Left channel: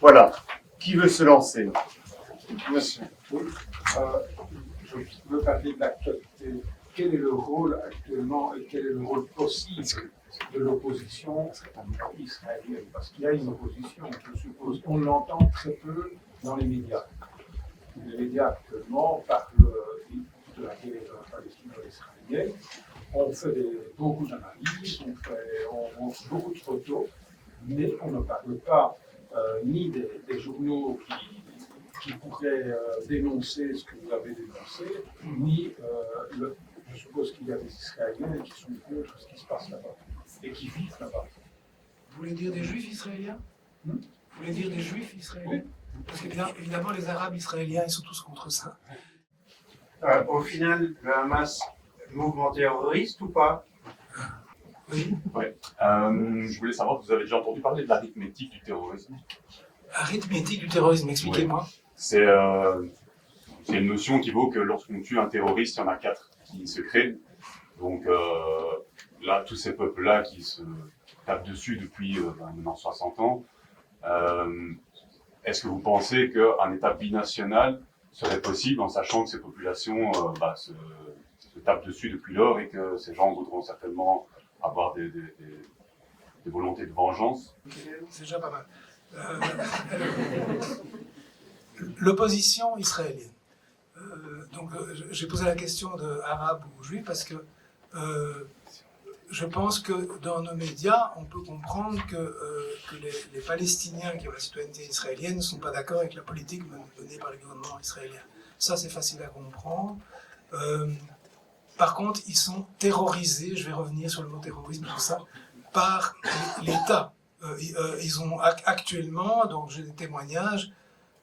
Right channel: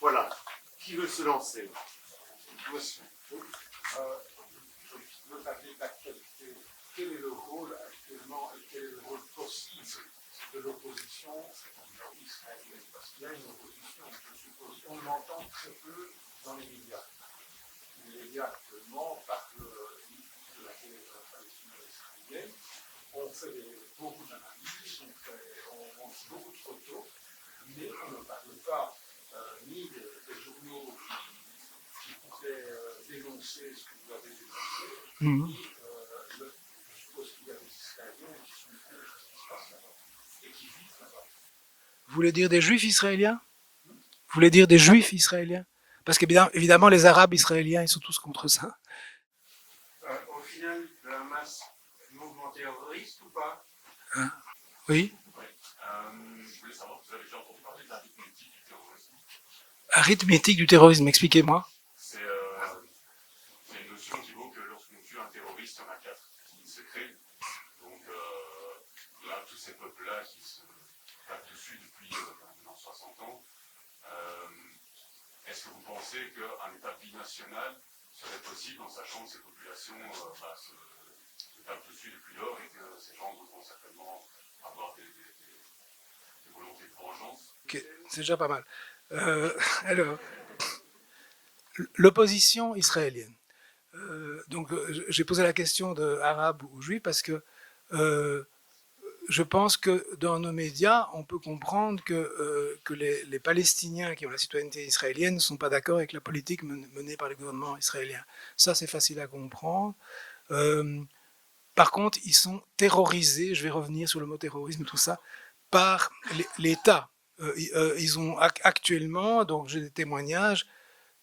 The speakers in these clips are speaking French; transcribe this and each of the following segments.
Voilà. Qui veut se lancer? Monsieur. Oui. Je veux parler de l'actualité. Quel est le rôle actuellement et quel est le rôle possible de l'opposition israélienne? Parce qu'il y a une opposition, je suppose. On l'entend très peu dans les médias. Les médias actuellement parlent de la guerre palestino-israélienne. On fait beaucoup d'analyses, on montre beaucoup de photos, mais on ne parle pas ni des journaux qui pourraient dénoncer ce que vous avez dénoncé, ni je suppose qu'il y a des Israéliens qui sont au de ce qui se passe là-bas et qui vivent là-bas. Vous voulez dire des Juifs israéliens? Vous voulez dire des Juifs israéliens? Parce qu'évidemment, les Arabes israéliens, ils sont tous contre ça. Au final, le Hamas, mouvement terroriste ou pas? Oui. Ouais. Je voulais savoir, vous avez déjà entendu parler de l'arithmétique du terrorisme? Arithmétique du terrorisme, expliquez-moi. Oui. C'est une notion qui vaut que lorsqu'on tue un terroriste, il y en a 4 qui se créent. Donc là, tous ces peuples-là qui se tapent dessus depuis maintenant 60 ans, est-ce que vous pensez qu'un État binational serait possible en sachant que ces populations se tapent dessus depuis lors et que ces gens voudront certainement avoir des volontés de vengeance? Okay, c'est déjà pas mal. Alors, l'opposition israélienne. Donc, j'ai posé la question de arabe ou juif parce que je pense que dans nos médias, on peut comprendre que les Palestiniens qui ont la citoyenneté israélienne ne sont pas d'accord avec la politique menée par le gouvernement israélien. Ça, c'est facile à comprendre. Par contre, ils sont terrorisés, je vais revenir sur le mot terrorisme, tout ça, par l'État. Ils ont actuellement, donc j'ai des témoignages,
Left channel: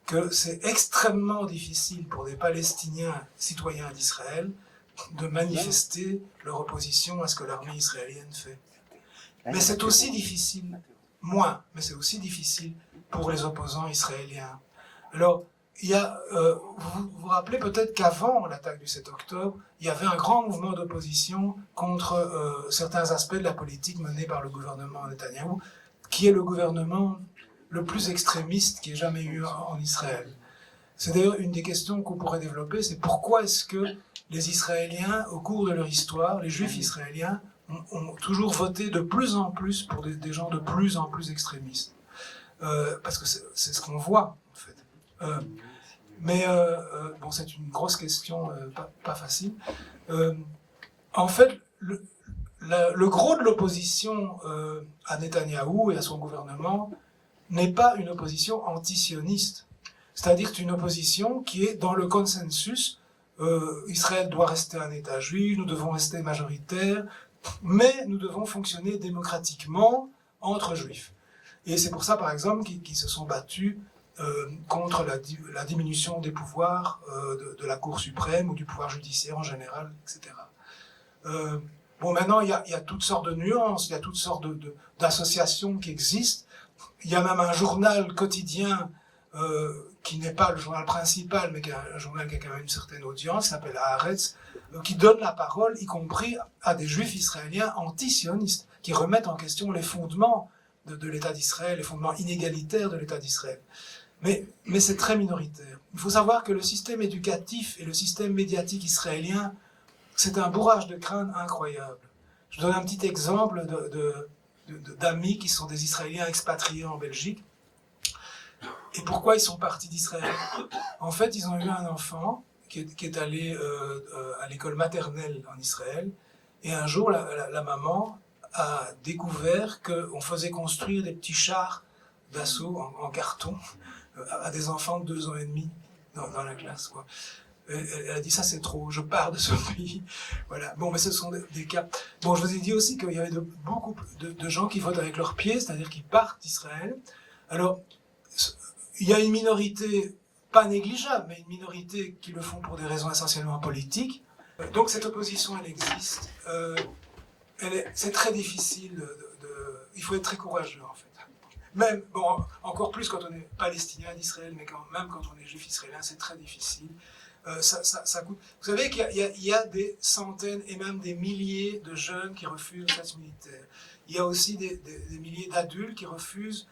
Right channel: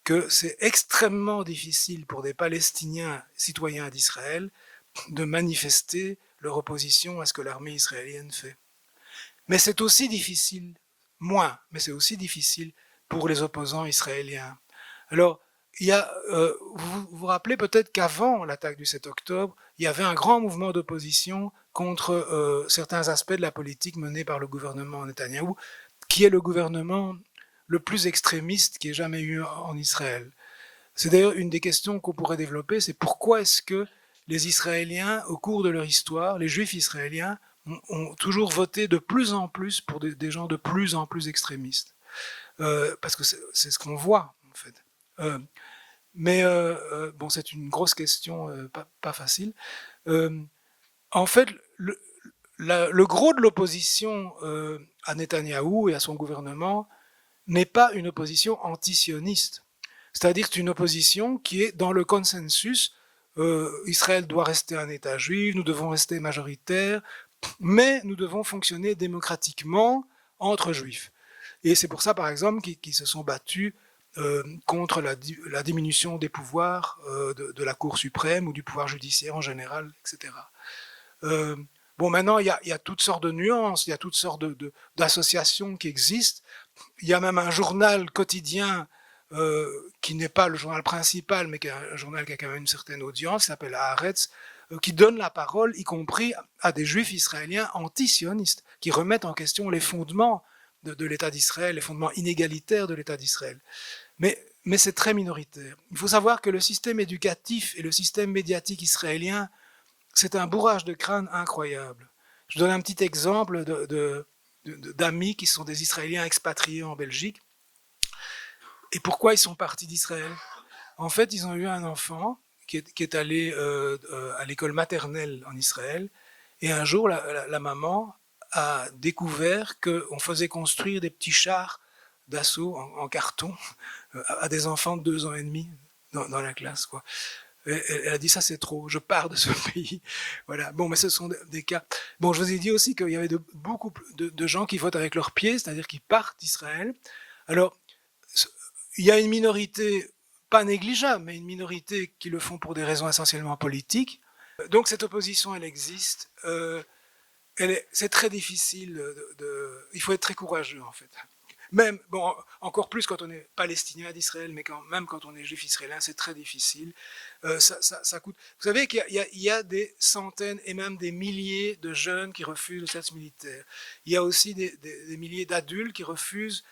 que c'est extrêmement difficile pour des Palestiniens citoyens d'Israël de manifester leur opposition à ce que l'armée israélienne fait. Mais c'est aussi difficile, mais c'est aussi difficile pour les opposants israéliens. Alors, vous vous rappelez peut-être qu'avant l'attaque du 7 octobre, il y avait un grand mouvement d'opposition contre certains aspects de la politique menée par le gouvernement Netanyahou, qui est le gouvernement le plus extrémiste qu'il y ait jamais eu en Israël. C'est d'ailleurs une des questions qu'on pourrait développer, c'est pourquoi est-ce que les Israéliens, au cours de leur histoire, les Juifs israéliens, ont toujours voté de plus en plus pour des gens de plus en plus extrémistes. Parce que c'est ce qu'on voit, en fait. Bon, c'est une grosse question, pas facile. En fait, le gros de l'opposition à Netanyahou et à son gouvernement n'est pas une opposition antisioniste. C'est-à-dire que c'est une opposition qui est dans le consensus. Israël doit rester un État juif, nous devons rester majoritaires, mais nous devons fonctionner démocratiquement entre juifs. Et c'est pour ça, par exemple, qu'ils se sont battus contre la diminution des pouvoirs de la Cour suprême ou du pouvoir judiciaire en général, etc. Bon, maintenant, il y a toutes sortes de nuances, il y a toutes sortes d'associations qui existent. Il y a même un journal quotidien qui n'est pas le journal principal, mais qui est un journal qui a quand même une certaine audience, qui s'appelle Haaretz, qui donne la parole, y compris à des juifs israéliens anti-sionistes, qui remettent en question les fondements de l'État d'Israël, les fondements inégalitaires de l'État d'Israël. Mais c'est très minoritaire. Il faut savoir que le système éducatif et le système médiatique israélien, c'est un bourrage de crâne incroyable. Je donne un petit exemple d'amis qui sont des Israéliens expatriés en Belgique. Et pourquoi ils sont partis d'Israël? En fait, ils ont eu un enfant qui est allé à l'école maternelle en Israël. Et un jour, la maman a découvert qu'on faisait construire des petits chars d'assaut en carton à des enfants de 2 ans et demi dans la classe, quoi. Elle a dit ça c'est trop, je pars de ce pays. Voilà. Bon, mais ce sont des cas. Bon, je vous ai dit aussi qu'il y avait beaucoup de gens qui votent avec leurs pieds, c'est-à-dire qui partent d'Israël. Alors, il y a une minorité, pas négligeable, mais une minorité qui le font pour des raisons essentiellement politiques. Donc cette opposition, elle existe. C'est très difficile. Il faut être très courageux, en fait. Même, bon, encore plus quand on est palestinien d'Israël, mais même quand on est juif israélien, c'est très difficile. Ça coûte. Vous savez qu'il y a des centaines et même des milliers de jeunes qui refusent le service militaire. Il y a aussi des milliers d'adultes qui refusent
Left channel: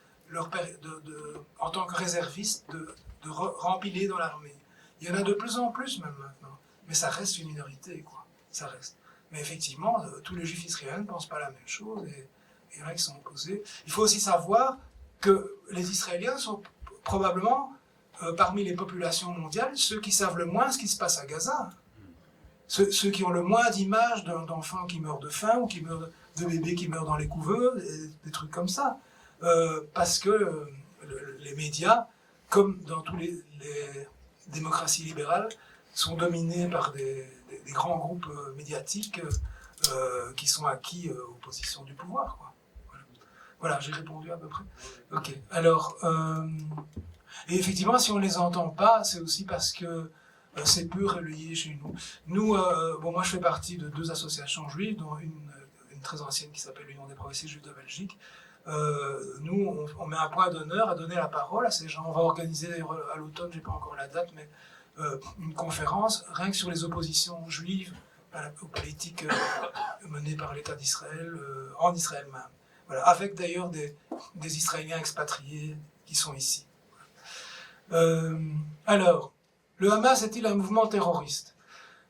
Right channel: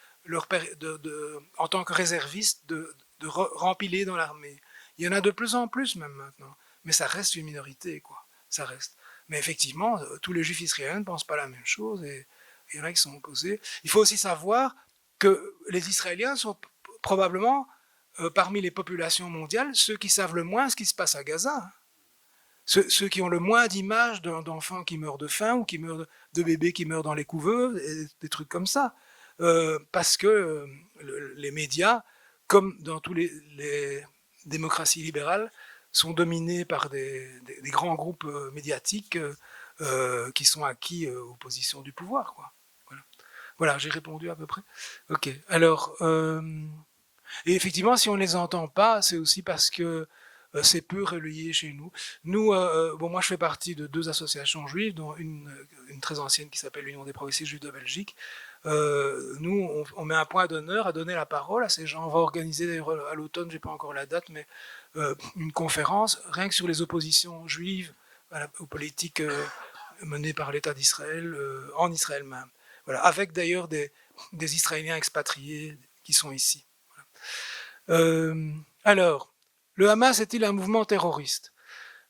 en tant que réservistes, de rempiler dans l'armée. Il y en a de plus en plus même maintenant, mais ça reste une minorité, quoi. Ça reste. Mais effectivement, tous les juifs israéliens ne pensent pas la même chose et il y en a qui sont opposés. Il faut aussi savoir que les Israéliens sont probablement, parmi les populations mondiales, ceux qui savent le moins ce qui se passe à Gaza. Ceux qui ont le moins d'images d'enfants qui meurent de faim ou qui meurent de bébés qui meurent dans les couveuses, et des trucs comme ça. Parce que les médias, comme dans toutes les démocraties libérales, sont dominés par des grands groupes médiatiques qui sont acquis aux positions du pouvoir, quoi. Voilà, j'ai répondu à peu près. Ok, alors, et effectivement, si on ne les entend pas, c'est aussi parce que c'est peu relayé chez nous. Nous, moi je fais partie de 2 associations juives, dont une très ancienne qui s'appelle l'Union des progressistes juifs de Belgique. Nous, on met un point d'honneur à donner la parole à ces gens. On va organiser d'ailleurs à l'automne, je n'ai pas encore la date, mais une conférence rien que sur les oppositions juives aux politiques menées par l'État d'Israël, en Israël même. Voilà, avec d'ailleurs des Israéliens expatriés qui sont ici. Alors, le Hamas est-il un mouvement terroriste ?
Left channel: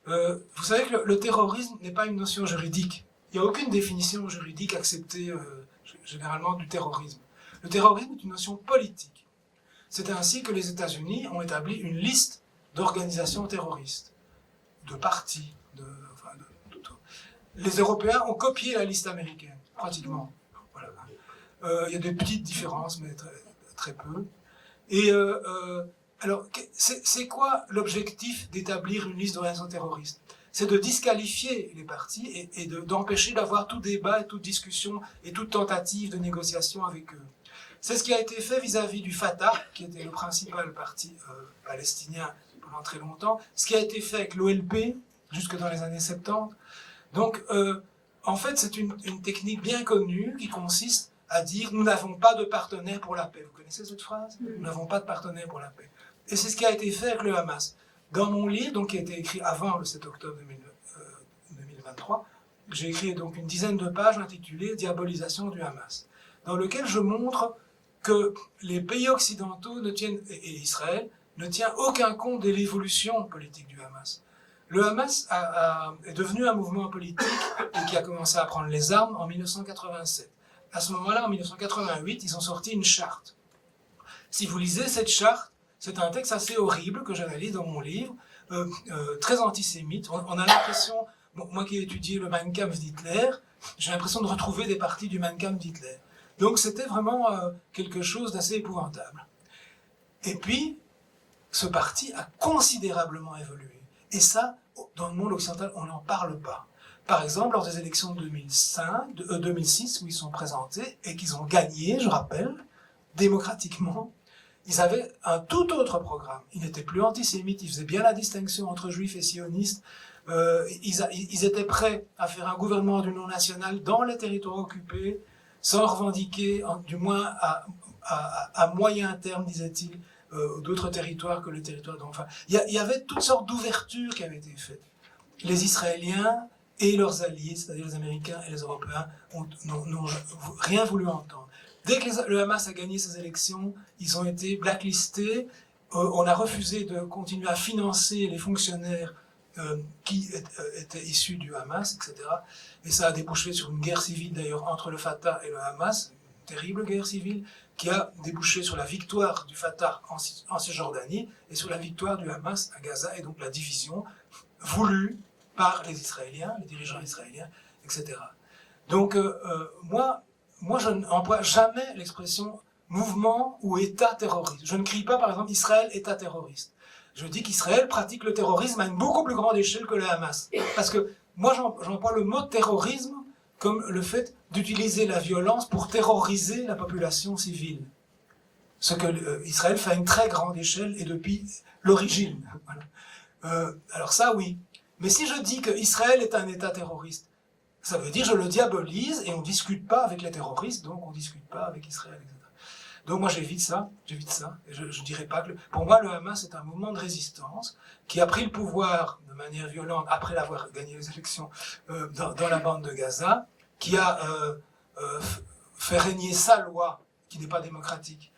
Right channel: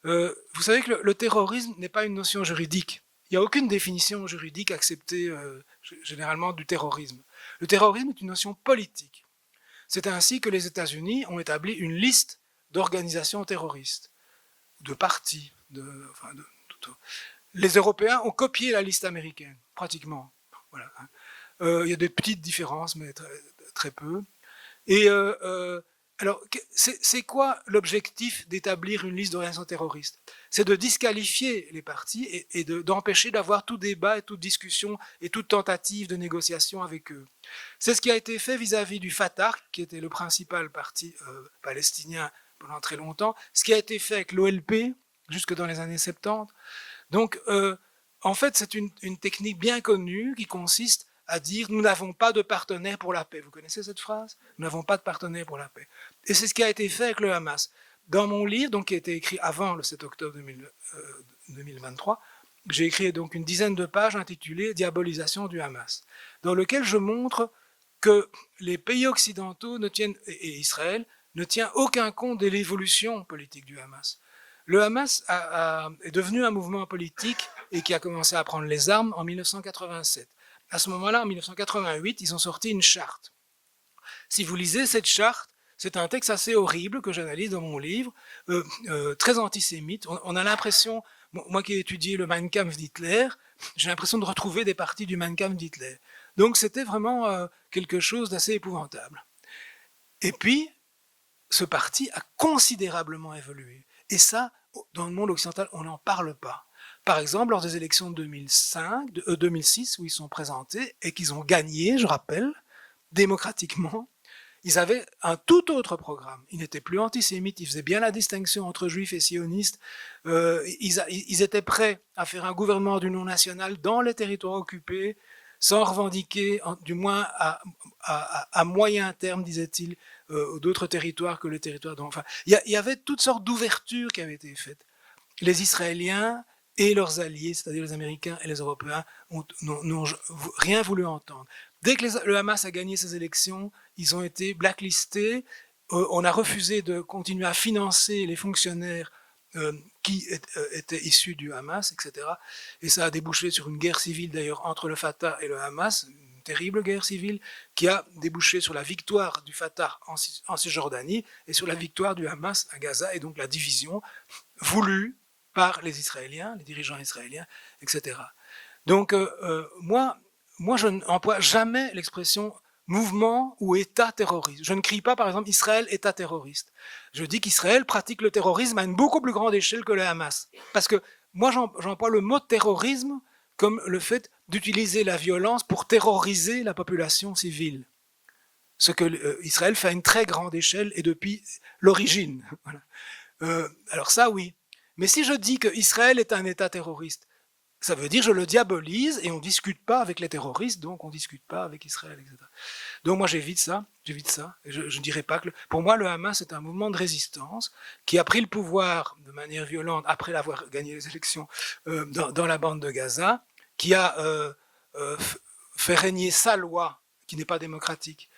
Vous savez que le terrorisme n'est pas une notion juridique. Il n'y a aucune définition juridique acceptée généralement du terrorisme. Le terrorisme est une notion politique. C'est ainsi que les États-Unis ont établi une liste d'organisations terroristes, de partis, les Européens ont copié la liste américaine, pratiquement. Voilà. Il y a des petites différences, mais très peu. Et alors, c'est quoi l'objectif d'établir une liste d'organisations terroristes ? C'est de disqualifier les partis et d'empêcher d'avoir tout débat et toute discussion et toute tentative de négociation avec eux. C'est ce qui a été fait vis-à-vis du Fatah, qui était le principal parti palestinien pendant très longtemps, ce qui a été fait avec l'OLP jusque dans les années 70. Donc, en fait, c'est une technique bien connue qui consiste à dire « nous n'avons pas de partenaire pour la paix ». Vous connaissez cette phrase ? Nous n'avons pas de partenaire pour la paix. Et c'est ce qui a été fait avec le Hamas. Dans mon livre, donc, qui a été écrit avant le 7 octobre 2023, j'ai écrit donc une dizaine de pages intitulées « Diabolisation du Hamas », dans lequel je montre que les pays occidentaux et Israël ne tient aucun compte de l'évolution politique du Hamas. Le Hamas est devenu un mouvement politique et qui a commencé à prendre les armes en 1987. À ce moment-là, en 1988, ils ont sorti une charte. Si vous lisez cette charte, c'est un texte assez horrible que j'analyse dans mon livre, très antisémite. On a l'impression, moi qui ai étudié le Mein Kampf d'Hitler, j'ai l'impression de retrouver des parties du Mein Kampf d'Hitler. Donc c'était vraiment quelque chose d'assez épouvantable. Et puis, ce parti a considérablement évolué. Et ça, dans le monde occidental, on n'en parle pas. Par exemple, lors des élections de 2006, où ils sont présentés et qu'ils ont gagné, je rappelle, démocratiquement, ils avaient un tout autre programme. Ils n'étaient plus antisémites, ils faisaient bien la distinction entre juifs et sionistes. Ils étaient prêts à faire un gouvernement d'union nationale dans les territoires occupés, sans revendiquer, du moins à moyen terme, disait-il, d'autres territoires que le territoire dont... Enfin, il y avait toutes sortes d'ouvertures qui avaient été faites. Les Israéliens et leurs alliés, c'est-à-dire les Américains et les Européens, n'ont rien voulu entendre. Dès que le Hamas a gagné ses élections, ils ont été blacklistés. On a refusé de continuer à financer les fonctionnaires qui étaient issus du Hamas, etc. Et ça a débouché sur une guerre civile, d'ailleurs, entre le Fatah et le Hamas, une terrible guerre civile, qui a débouché sur la victoire du Fatah en Cisjordanie et sur la victoire du Hamas à Gaza, et donc la division voulue par les Israéliens, les dirigeants israéliens, etc. Donc, moi, je n'emploie jamais l'expression mouvement ou État terroriste. Je ne crie pas, par exemple, Israël État terroriste. Je dis qu'Israël pratique le terrorisme à une beaucoup plus grande échelle que le Hamas. Parce que moi, j'emploie le mot terrorisme comme le fait d'utiliser la violence pour terroriser la population civile. Ce que Israël fait à une très grande échelle et depuis l'origine. Voilà. Alors ça, oui. Mais si je dis qu'Israël est un État terroriste, ça veut dire que je le diabolise et on ne discute pas avec les terroristes, donc on ne discute pas avec Israël, etc. Donc moi j'évite ça. Je ne dirais pas que... Pour moi, le Hamas est un mouvement de résistance qui a pris le pouvoir de manière violente après avoir gagné les élections dans la bande de Gaza, qui a fait régner sa loi qui n'est pas démocratique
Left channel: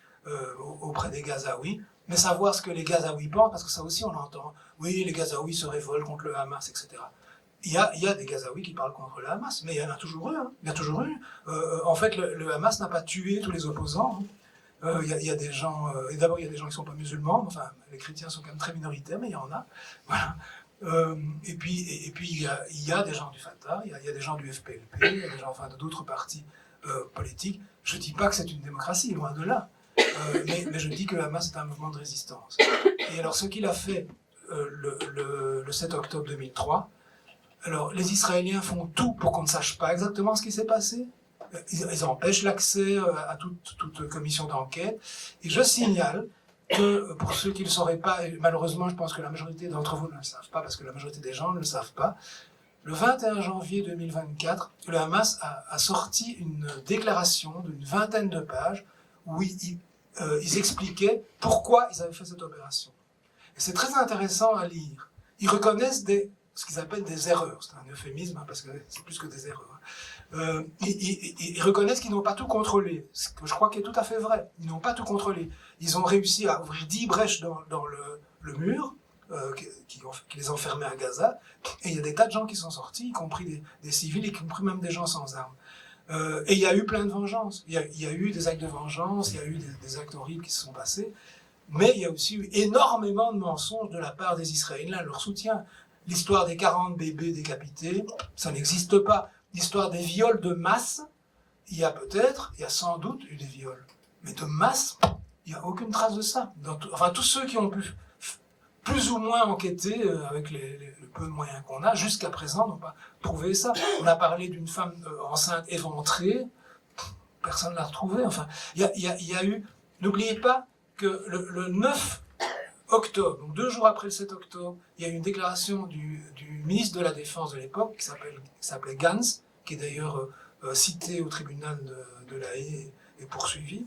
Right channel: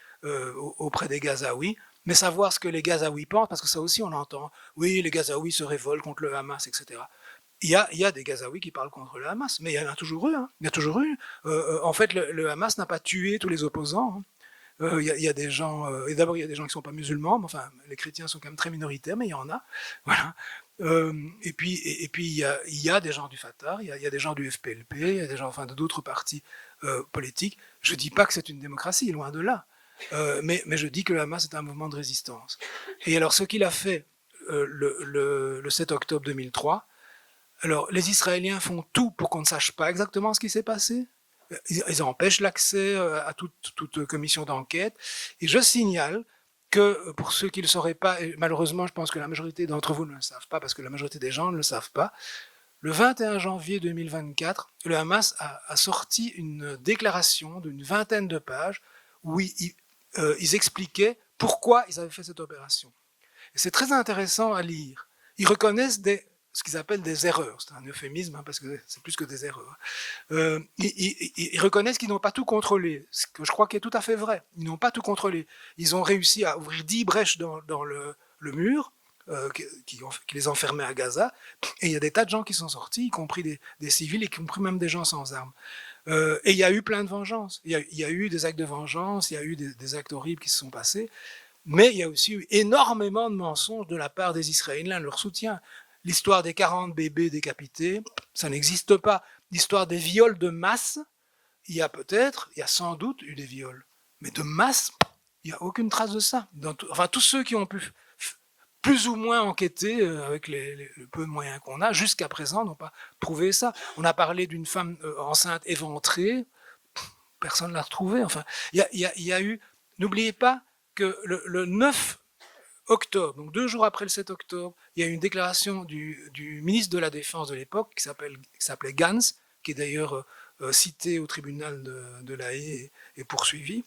auprès des Gazaouis, mais savoir ce que les Gazaouis pensent, parce que ça aussi on l'entend. Oui, les Gazaouis se révoltent contre le Hamas, etc. Il y a des Gazaouis qui parlent contre le Hamas, mais il y en a toujours eu. Hein. Il y a toujours eu. En fait, le Hamas n'a pas tué tous les opposants. Hein. Il y a des gens, et d'abord il y a des gens qui ne sont pas musulmans, enfin les chrétiens sont quand même très minoritaires, mais il y en a. Voilà. Et puis il y a des gens du Fatah, il y a des gens du FPLP, il y a des gens enfin, d'autres partis politiques. Je ne dis pas que c'est une démocratie, loin de là. Mais je dis que le Hamas est un mouvement de résistance. Et alors ce qu'il a fait le 7 octobre 2003, alors les Israéliens font tout pour qu'on ne sache pas exactement ce qui s'est passé. Ils empêchent l'accès à toute commission d'enquête. Et je signale que pour ceux qui ne le sauraient pas, et malheureusement je pense que la majorité d'entre vous ne le savent pas, parce que la majorité des gens ne le savent pas, le 21 janvier 2024, le Hamas a sorti une déclaration d'une vingtaine de pages où ils expliquaient pourquoi ils avaient fait cette opération. Et c'est très intéressant à lire. Ils reconnaissent ce qu'ils appellent des erreurs. C'est un euphémisme, hein, parce que c'est plus que des erreurs. Ils reconnaissent qu'ils n'ont pas tout contrôlé, ce que je crois qui est tout à fait vrai. Ils n'ont pas tout contrôlé. Ils ont réussi à ouvrir 10 brèches dans le mur qui les enfermait à Gaza, et il y a des tas de gens qui sont sortis, y compris des civils, y compris même des gens sans armes. Et il y a eu plein de vengeances. Il y a eu des actes de vengeance, il y a eu des actes horribles qui se sont passés, mais il y a aussi eu énormément de mensonges de la part des Israéliens, leur soutien. L'histoire des 40 bébés décapités, ça n'existe pas. L'histoire des viols de masse, il y a sans doute eu des viols. Mais de masse, il n'y a aucune trace de ça. Enfin, tous ceux qui ont pu plus ou moins enquêter avec le peu de moyens qu'on a, jusqu'à présent, n'ont pas prouvé ça. On a parlé d'une femme enceinte éventrée, personne ne l'a retrouvée. Enfin, il y a eu... N'oubliez pas que le 9 octobre, donc 2 jours après le 7 octobre, il y a eu une déclaration du ministre de la Défense de l'époque, qui s'appelait Gantz, qui est d'ailleurs cité au tribunal de La Haye et poursuivi,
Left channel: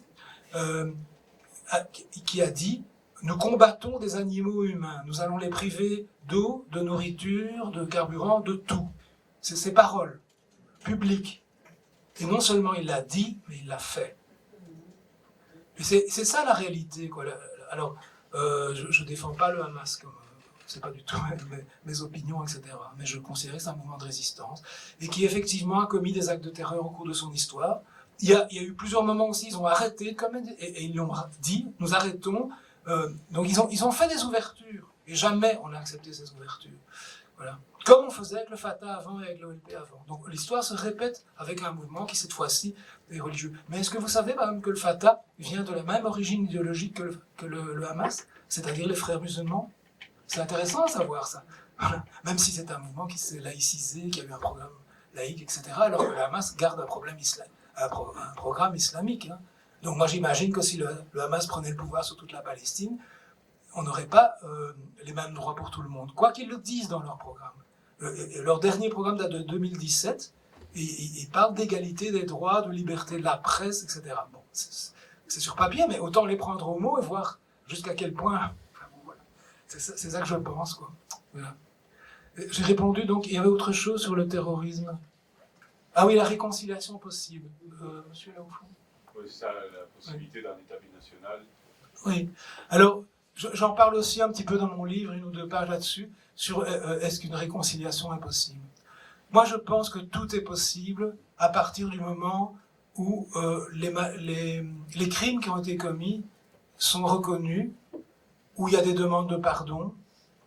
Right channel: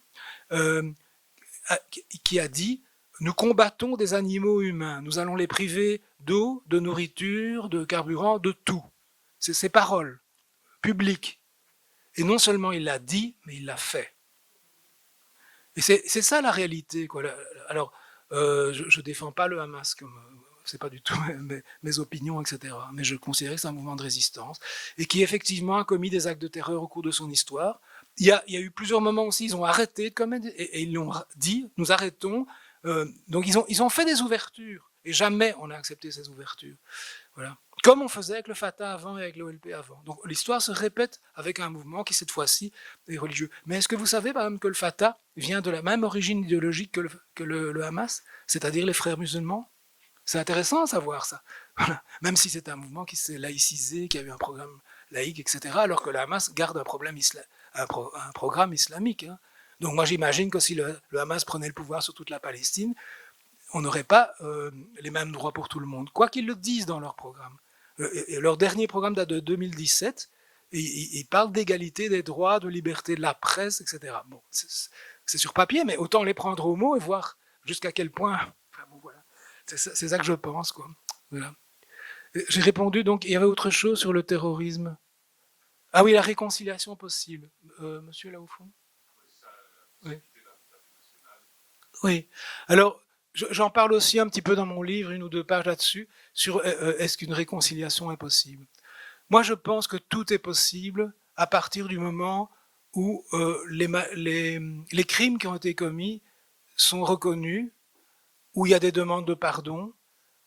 qui a dit « Nous combattons des animaux humains, nous allons les priver d'eau, de nourriture, de carburant, de tout. » C'est ses paroles publiques. Et non seulement il l'a dit, mais il l'a fait. Et c'est ça la réalité, quoi. Alors, je ne défends pas le Hamas, comme c'est pas du tout mes opinions, etc. Mais je considère que c'est un mouvement de résistance et qui effectivement a commis des actes de terreur au cours de son histoire. Il y a eu plusieurs moments aussi, ils ont arrêté et ils l'ont dit, nous arrêtons. Donc ils ont fait des ouvertures et jamais on a accepté ces ouvertures. Voilà. Comme on faisait avec le Fatah avant et avec l'OLP avant. Donc l'histoire se répète avec un mouvement qui cette fois-ci est religieux. Mais est-ce que vous savez par exemple que le Fatah vient de la même origine idéologique que le Hamas, c'est-à-dire les frères musulmans? C'est intéressant à savoir ça. Voilà. Même si c'est un mouvement qui s'est laïcisé, qui a eu un programme laïque, etc. Alors que le Hamas garde un programme islamique. Hein. Donc moi j'imagine que si le Hamas prenait le pouvoir sur toute la Palestine, on n'aurait pas les mêmes droits pour tout le monde, quoi qu'ils le disent dans leur programme. Leur dernier programme date de 2017, et ils parlent d'égalité des droits, de liberté de la presse, etc. Bon, c'est sur papier, mais autant les prendre au mot et voir jusqu'à quel point... Enfin, bon, voilà. C'est ça que je pense, quoi. Voilà. J'ai répondu, donc, il y avait autre chose sur le terrorisme. Ah oui, la réconciliation possible. Monsieur, là au fond. Oui, c'est ça, la possibilité d'un État binational. Oui. Alors, j'en parle aussi un petit peu dans mon livre, 1 ou 2 pages là-dessus, sur est-ce qu'une réconciliation est possible. Moi, je pense que tout est possible à partir du moment où les crimes qui ont été commis sont reconnus, où il y a des demandes de pardon,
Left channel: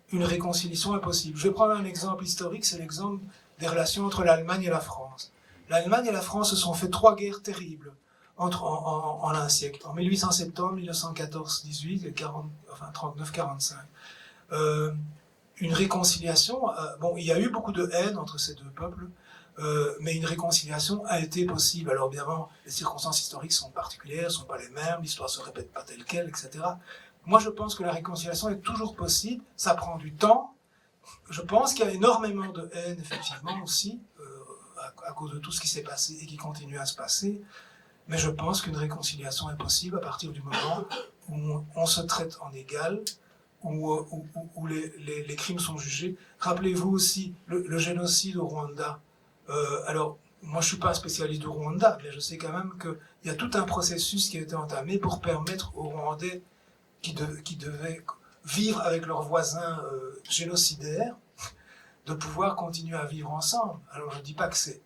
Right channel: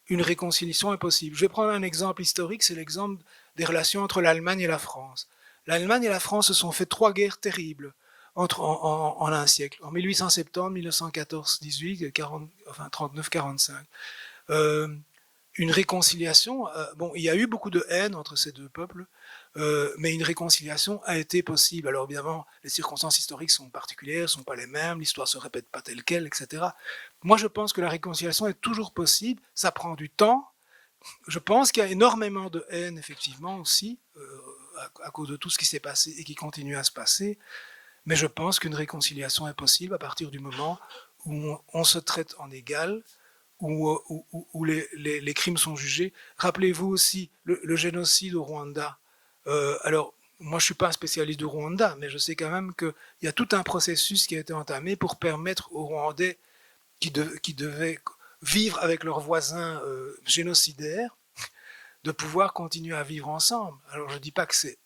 une réconciliation est possible. Je vais prendre un exemple historique, c'est l'exemple des relations entre l'Allemagne et la France. L'Allemagne et la France se sont fait 3 guerres terribles en un siècle, en 1870, 1914-18, 39-45. Une réconciliation, bon, il y a eu beaucoup de haine entre ces 2 peuples, mais une réconciliation a été possible. Alors évidemment, les circonstances historiques sont particulières, ne sont pas les mêmes, l'histoire ne se répète pas telle quelle, etc. Moi, je pense que la réconciliation est toujours possible, ça prend du temps. Je pense qu'il y a énormément de haine, effectivement, aussi, à cause de tout ce qui s'est passé et qui continue à se passer. Mais je pense qu'une réconciliation est possible à partir du moment où on se traite en égal, où les crimes sont jugés. Rappelez-vous aussi le génocide au Rwanda. Alors, moi je ne suis pas un spécialiste du Rwanda, mais je sais quand même qu'il y a tout un processus qui a été entamé pour permettre aux Rwandais qui devaient vivre avec leurs voisins génocidaires de pouvoir continuer à vivre ensemble. Alors je ne dis pas que c'est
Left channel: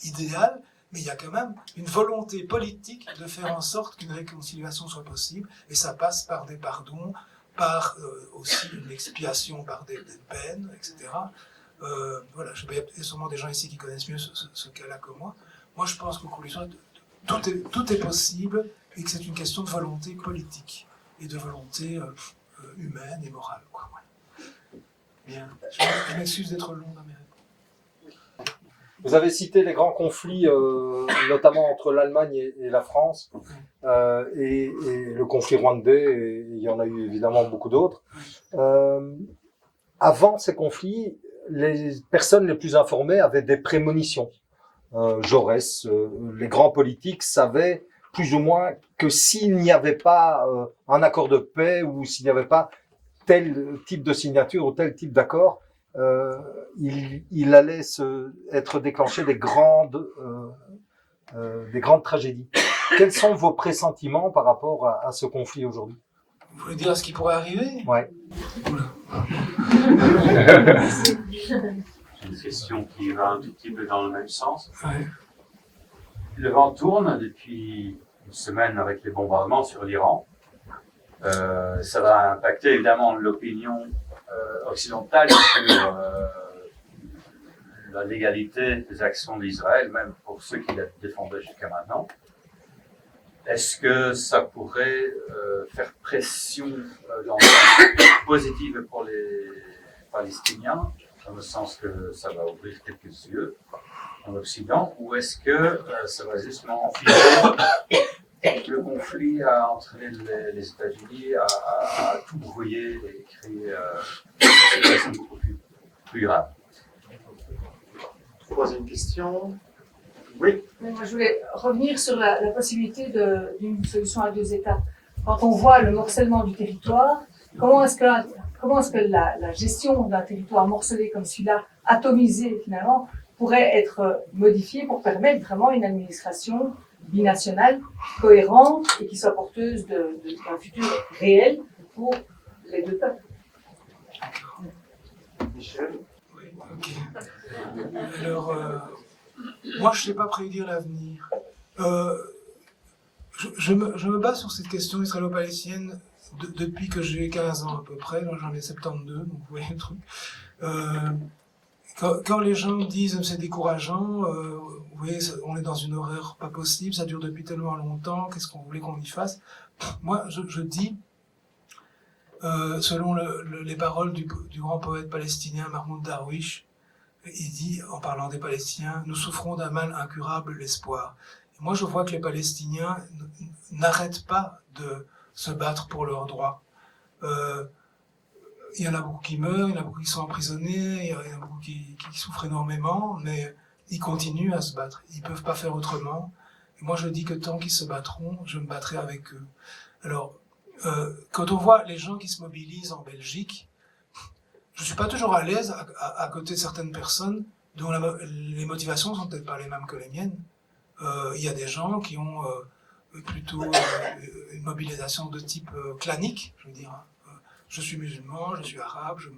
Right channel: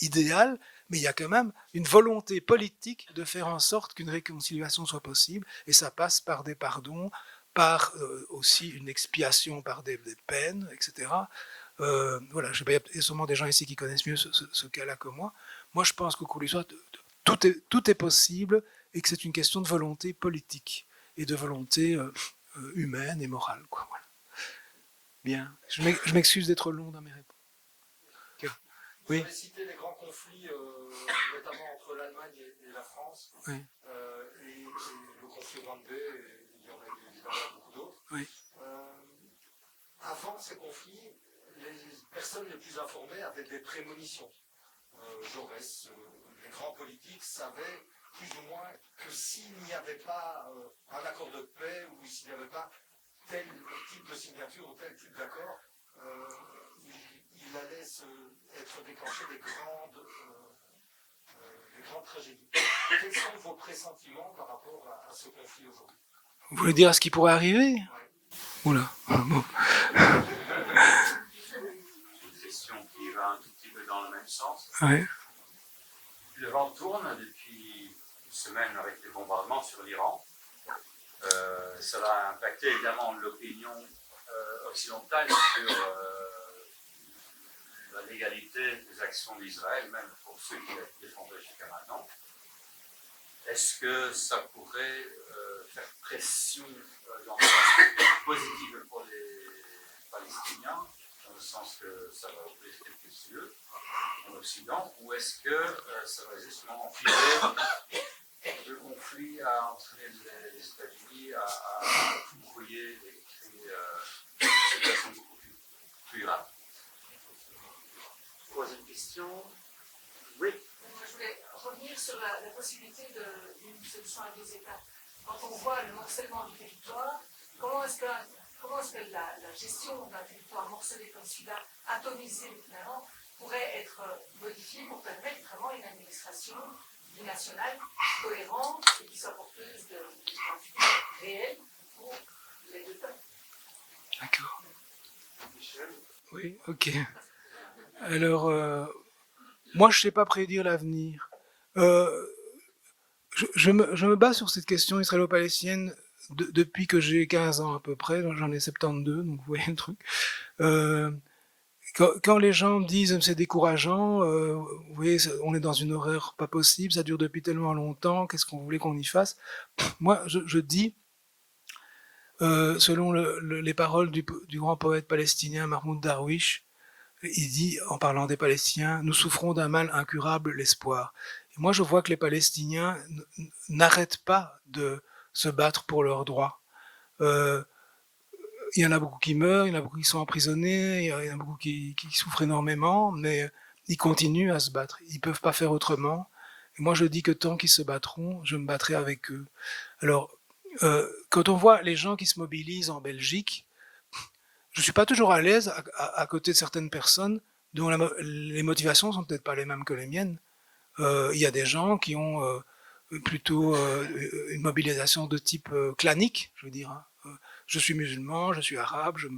idéal, mais il y a quand même une volonté politique de faire en sorte qu'une réconciliation soit possible, et ça passe par des pardons, par aussi une expiation par des peines, etc. Voilà, je sais pas, il y a sûrement des gens ici qui connaissent mieux ce cas-là que moi. Moi, je pense qu'au cours de l'histoire, tout est possible, et que c'est une question de volonté politique et de volonté humaine et morale, quoi. Voilà. Bien, je m'excuse d'être long dans mes réponses. Vous avez cité les grands conflits, notamment entre l'Allemagne et la France, Oui. et le conflit rwandais, et il y en a eu évidemment beaucoup d'autres. Oui. Avant ces conflits, les personnes les plus informées avaient des prémonitions. Jaurès, les grands politiques savaient plus ou moins que s'il n'y avait pas un accord de paix ou s'il n'y avait pas tel type de signature ou tel type d'accord, il allait être déclenché des grandes tragédies. Quels sont vos pressentiments par rapport à ce conflit aujourd'hui? Vous voulez dire à ce qui pourrait arriver? Ouais. Oula. Une question qui va un tout petit peu dans le même sens. Ouais. Le vent tourne depuis une semaine avec les bombardements sur l'Iran. Ça va impacter évidemment l'opinion occidentale sur la légalité des actions d'Israël, même pour ceux qui la défendaient jusqu'à maintenant. Est-ce que ça pourrait faire pression dans le sens positif pour les Palestiniens, dans le sens que ça va ouvrir quelques yeux en Occident, ou est-ce que ça va justement enfiler le conflit à entraîner les États-Unis à tout brouiller et créer une situation beaucoup plus grave? Troisième question. Oui. Moi, je voulais revenir sur la possibilité d'une solution à deux États. Quand on voit le morcellement du territoire, comment est-ce que la gestion d'un territoire morcelé comme celui-là, atomisé finalement, pourrait être modifiée pour permettre vraiment une administration binationale cohérente et qui soit porteuse d'un futur réel pour les deux peuples? Michel. Oui, ok. Alors, moi, je ne sais pas prédire l'avenir. Je me base sur cette question israélo-palestinienne depuis que j'ai 15 ans à peu près. Moi, j'en ai 72, donc vous voyez le truc. Quand les gens disent c'est décourageant, vous voyez, on est dans une horreur pas possible, ça dure depuis tellement longtemps, qu'est-ce qu'on voulait qu'on y fasse? Moi, je dis, selon les paroles du grand poète palestinien Mahmoud Darwish, il dit, en parlant des Palestiniens, « Nous souffrons d'un mal incurable, l'espoir ». Et moi, je vois que les Palestiniens n'arrêtent pas de se battre pour leurs droits. Il y en a beaucoup qui meurent, il y en a beaucoup qui sont emprisonnés, il y en a beaucoup qui souffrent énormément, mais ils continuent à se battre. Ils ne peuvent pas faire autrement. Et moi, je dis que tant qu'ils se battront, je me battrai avec eux. Alors, quand on voit les gens qui se mobilisent en Belgique, je ne suis pas toujours à l'aise à côté de certaines personnes dont les motivations ne sont peut-être pas les mêmes que les miennes. Il y a des gens qui ont plutôt une mobilisation de type clanique, je veux dire. Je suis musulman, je suis arabe, je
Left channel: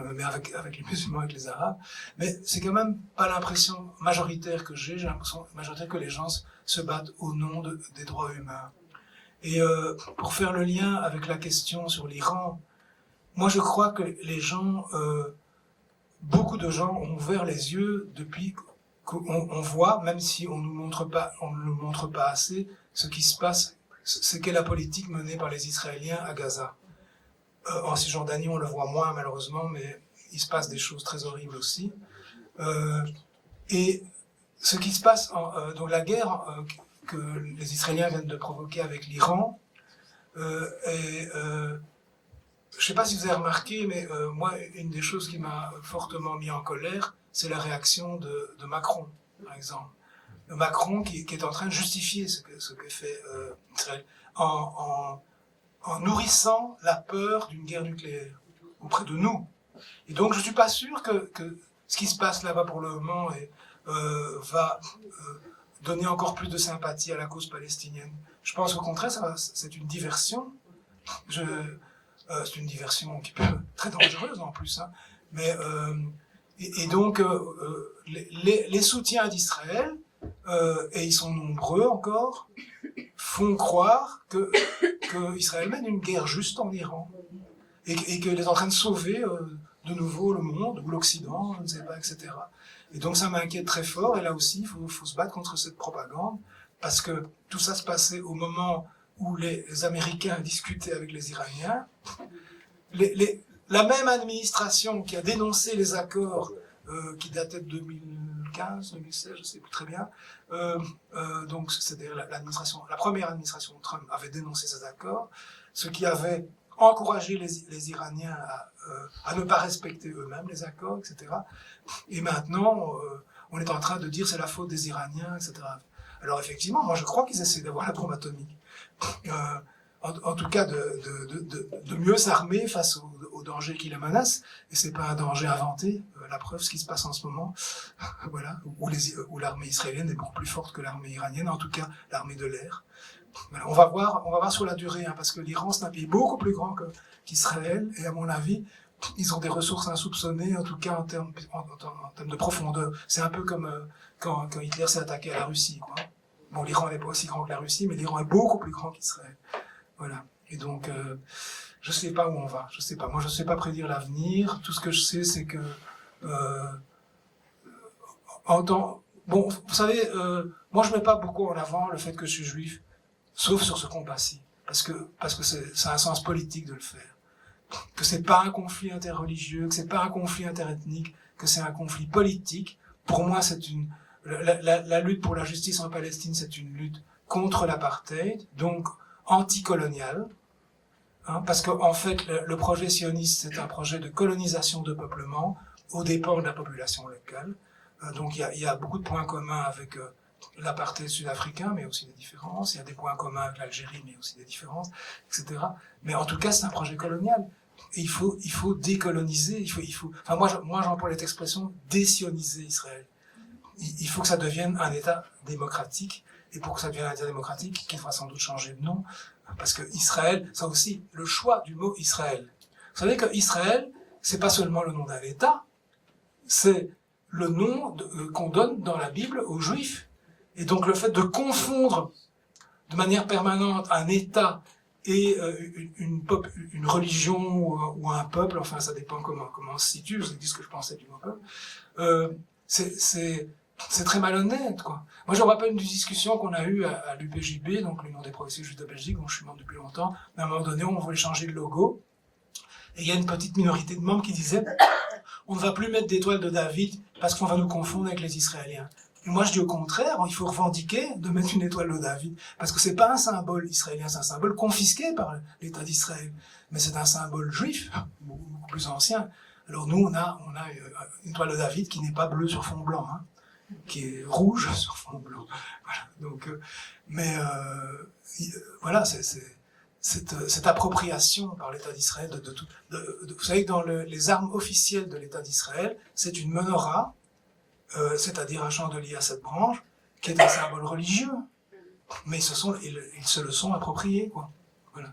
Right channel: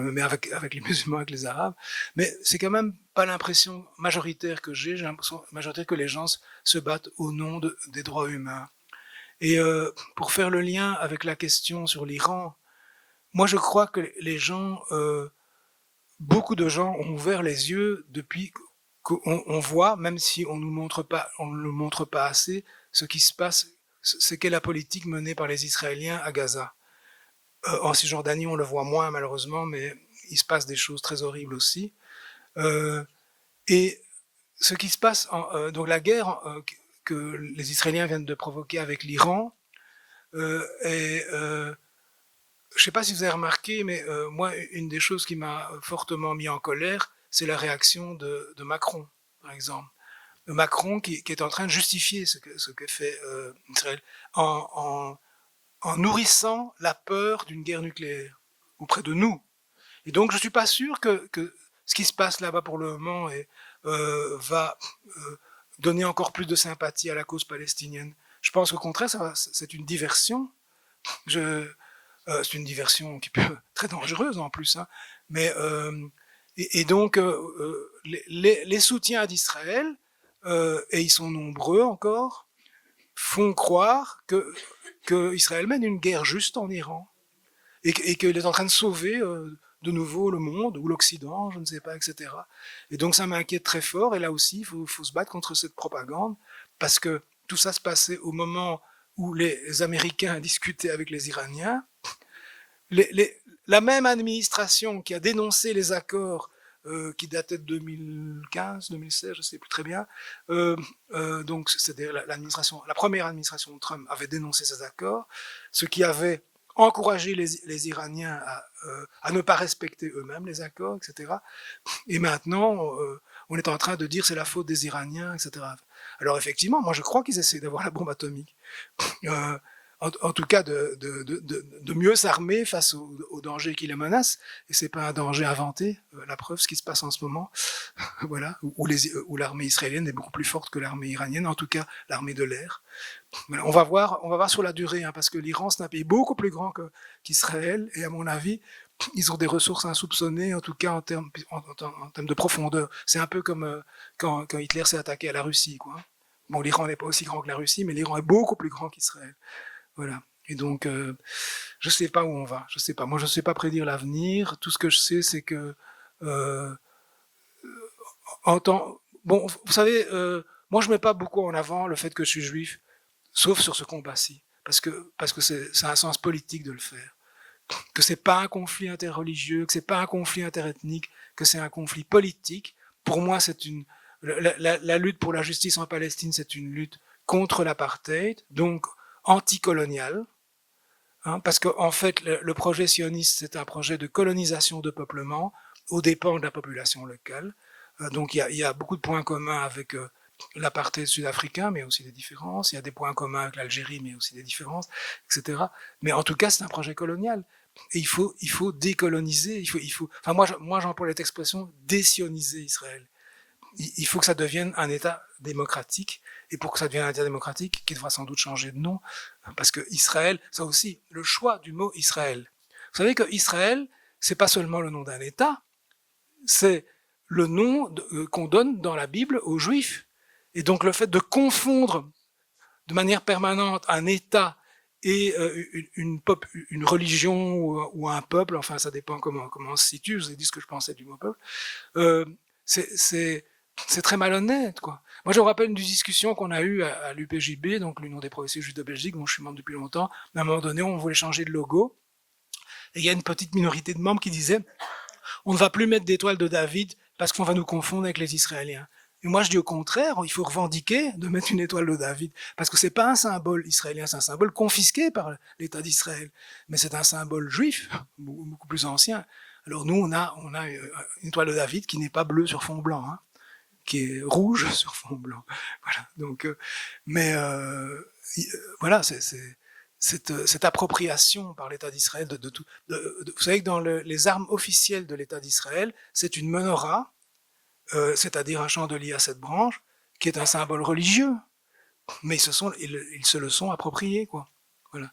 me mets avec les musulmans, avec les arabes, mais c'est quand même pas l'impression majoritaire que j'ai l'impression majoritaire que les gens se battent au nom des droits humains. Et pour faire le lien avec la question sur l'Iran, moi je crois que les gens, beaucoup de gens ont ouvert les yeux depuis qu'on voit, même si on ne le montre pas assez, ce qui se passe, c'est qu'est la politique menée par les Israéliens à Gaza. En Cisjordanie, on le voit moins malheureusement, mais il se passe des choses très horribles aussi. Et ce qui se passe, donc la guerre que les Israéliens viennent de provoquer avec l'Iran, je ne sais pas si vous avez remarqué, mais moi, une des choses qui m'a fortement mis en colère, c'est la réaction de Macron, par exemple. Macron qui est en train de justifier ce que fait Israël en nourrissant la peur d'une guerre nucléaire auprès de nous. Et donc, je ne suis pas sûr que ce qui se passe là-bas pour le moment, et va donner encore plus de sympathie à la cause palestinienne. Je pense qu'au contraire, c'est une diversion. C'est une diversion qui peut être très dangereuse en plus. Hein. Mais, et donc, les soutiens d'Israël, et ils sont nombreux encore, font croire que Israël mène une guerre juste en Iran et qu'il est en train de sauver de nouveau le monde ou l'Occident, je ne sais pas, etc. Et donc ça m'inquiète très fort, et là aussi il faut se battre contre cette propagande, parce que tout ça se passait au moment où les Américains discutaient avec les Iraniens. La même administration qui a dénoncé les accords qui dataient de 2015, 2016, je ne sais plus très bien, donc c'était la première administration de Trump avait dénoncé ces accords, ce qui avait encouragé les Iraniens à ne pas respecter eux-mêmes les accords, etc. Et maintenant, on est en train de dire c'est la faute des Iraniens, etc. Alors effectivement, moi je crois qu'ils essaient d'avoir la bombe atomique. En tout cas, de mieux s'armer face aux dangers qui les menacent. Et c'est pas un danger inventé. La preuve, ce qui se passe en ce moment, voilà, où l'armée israélienne est beaucoup plus forte que l'armée iranienne, en tout cas l'armée de l'air. On va voir sur la durée, hein, parce que l'Iran, c'est un pays beaucoup plus grand qu'Israël, et à mon avis, ils ont des ressources insoupçonnées, en tout cas en termes de profondeur. C'est un peu comme quand Hitler s'est attaqué à la Russie, quoi. Bon, l'Iran n'est pas aussi grand que la Russie, mais l'Iran est beaucoup plus grand qu'Israël. Voilà. Et donc, je ne sais pas où on va. Je sais pas. Moi, je ne sais pas prédire l'avenir. Tout ce que je sais, c'est que bon, vous savez, moi, je ne mets pas beaucoup en avant le fait que je suis juif, sauf sur ce combat-ci, parce que c'est un sens politique de le faire. Que c'est pas un conflit interreligieux, que c'est pas un conflit interethnique, que c'est un conflit politique. Pour moi, la lutte pour la justice en Palestine, c'est une lutte contre l'apartheid, donc anticolonial, hein, parce qu'en fait, le projet sioniste, c'est un projet de colonisation, de peuplement, aux dépens de la population locale. Donc il y a beaucoup de points communs avec l'apartheid sud-africain, mais aussi des différences. Il y a des points communs avec l'Algérie, mais aussi des différences, etc. Mais en tout cas, c'est un projet colonial. Et il faut décoloniser. Enfin, moi j'emploie cette expression, désioniser Israël. Il faut que ça devienne un État démocratique. Et pour que ça devienne un État démocratique, qui devra sans doute changer de nom, parce que Israël, ça aussi, le choix du mot Israël. Vous savez que Israël, c'est pas seulement le nom d'un État, c'est le nom qu'on donne dans la Bible aux Juifs. Et donc le fait de confondre de manière permanente un État et une religion ou un peuple, enfin ça dépend comment on se situe, je vous ai dit ce que je pensais du mot peuple, c'est très malhonnête, quoi. Moi, je me rappelle une discussion qu'on a eue à l'UPJB, donc l'Union des progressistes juifs de Belgique, dont je suis membre depuis longtemps. À un moment donné, on voulait changer de logo. Et il y a une petite minorité de membres qui disaient on ne va plus mettre d'étoile de David parce qu'on va nous confondre avec les Israéliens. Et moi, je dis au contraire, il faut revendiquer de mettre une étoile de David. Parce que ce n'est pas un symbole israélien, c'est un symbole confisqué par l'État d'Israël. Mais c'est un symbole juif, beaucoup plus ancien. Alors nous, on a une étoile de David qui n'est pas bleue sur fond blanc, hein, qui est rouge sur fond blanc. Voilà. Donc, voilà, cette appropriation par l'État d'Israël de tout. Vous savez que dans les armes officielles de l'État d'Israël, c'est une menorah, c'est-à-dire un chandelier à 7 branches, qui est un symbole religieux. Mais ils se le sont appropriés, quoi. Voilà.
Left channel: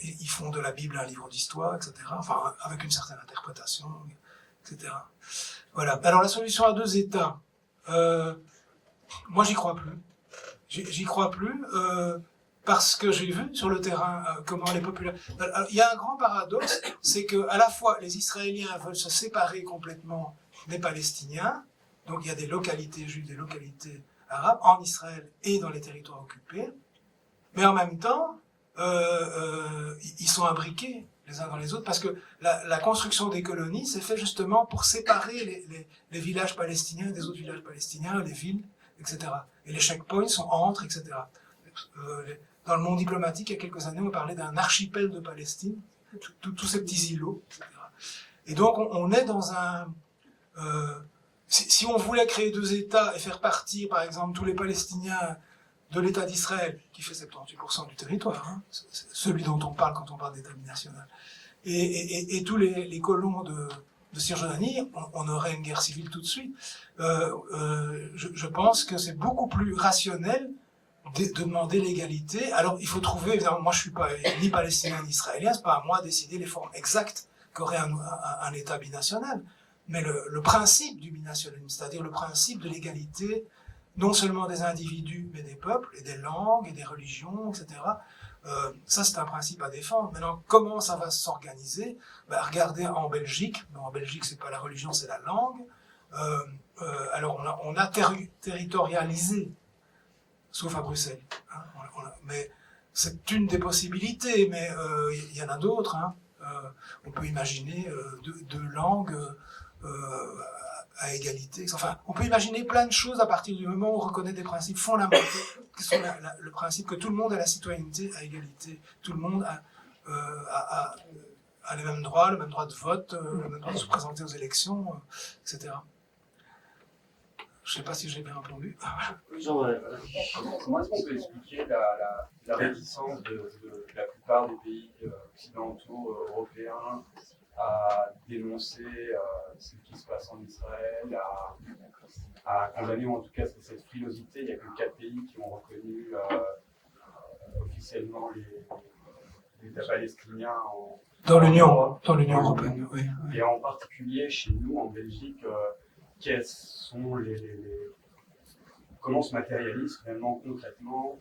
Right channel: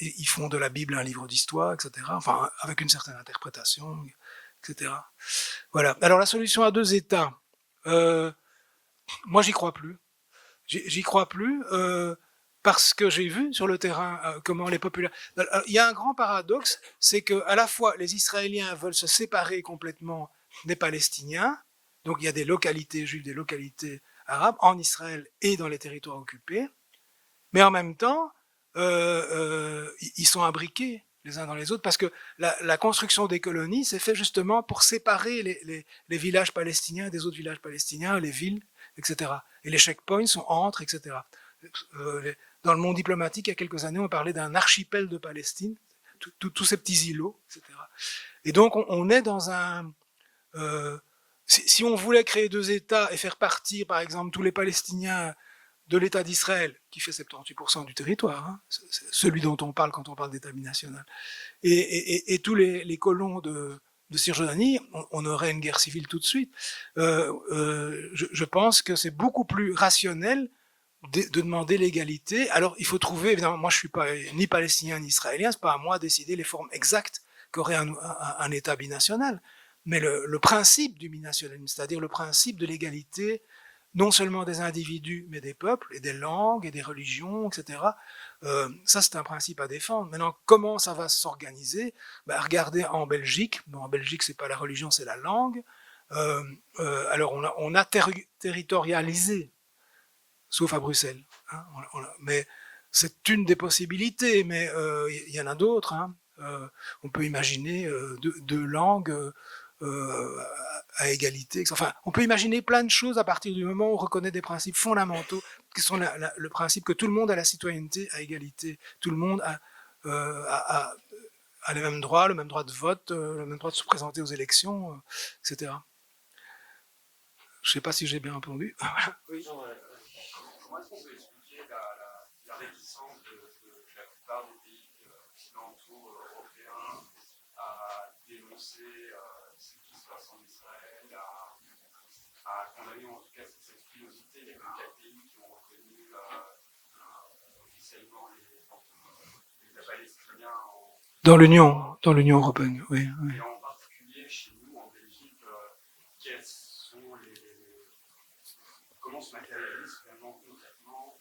Ils font de la Bible un livre d'histoire, etc. Enfin, avec une certaine interprétation, etc. Voilà. Alors la solution à 2 États, moi j'y crois plus. J'y crois plus parce que j'ai vu sur le terrain comment les populations... Il y a un grand paradoxe, c'est qu'à la fois les Israéliens veulent se séparer complètement des Palestiniens, donc il y a des localités juives, des localités arabes en Israël et dans les territoires occupés, mais en même temps, ils sont imbriqués les uns dans les autres, parce que la construction des colonies s'est faite justement pour séparer les villages palestiniens des autres villages palestiniens, les villes, etc. Et les checkpoints sont entre, etc. Dans le monde diplomatique, il y a quelques années, on parlait d'un archipel de Palestine, tous ces petits îlots, etc. Et donc, on est dans un... si on voulait créer 2 États et faire partir, par exemple, tous les Palestiniens de l'État d'Israël, qui fait 78% du territoire, hein, c'est celui dont on parle quand on parle d'État binational, et tous les colons de Cisjordanie, on aurait une guerre civile tout de suite. Je pense que c'est beaucoup plus rationnel de demander l'égalité. Alors, il faut trouver, évidemment, moi je ne suis pas ni palestinien ni israélien, ce n'est pas à moi de décider les formes exactes qu'aurait un État binational, mais le principe du binationalisme, c'est-à-dire le principe de l'égalité, non seulement des individus, mais des peuples, et des langues, et des religions, etc., ça, c'est un principe à défendre. Maintenant, comment ça va s'organiser? Regardez en Belgique. En Belgique, ce n'est pas la religion, c'est la langue. Alors, on a territorialisé, sauf à Bruxelles. Hein, mais c'est une des possibilités, mais il y en a d'autres. Hein. On peut imaginer deux langues à égalité. Enfin, on peut imaginer plein de choses à partir du moment où on reconnaît des principes fondamentaux, qui sont le principe que tout le monde a la citoyenneté à égalité. Tout le monde a les mêmes droits, le même droit de vote, le même droit de se présenter aux élections, etc. Je ne sais pas si j'ai bien répondu. Oui, Jean-Noël. Comment est-ce qu'on peut expliquer la réticence de la plupart des pays occidentaux, européens, à dénoncer ce qui se passe en Israël, à condamner, ou en tout cas cette frilosité? Il n'y a que 4 pays qui ont reconnu officiellement l'État palestinien dans l'Union européenne, oui. Et en particulier chez nous, en Belgique, quels sont comment se matérialise finalement concrètement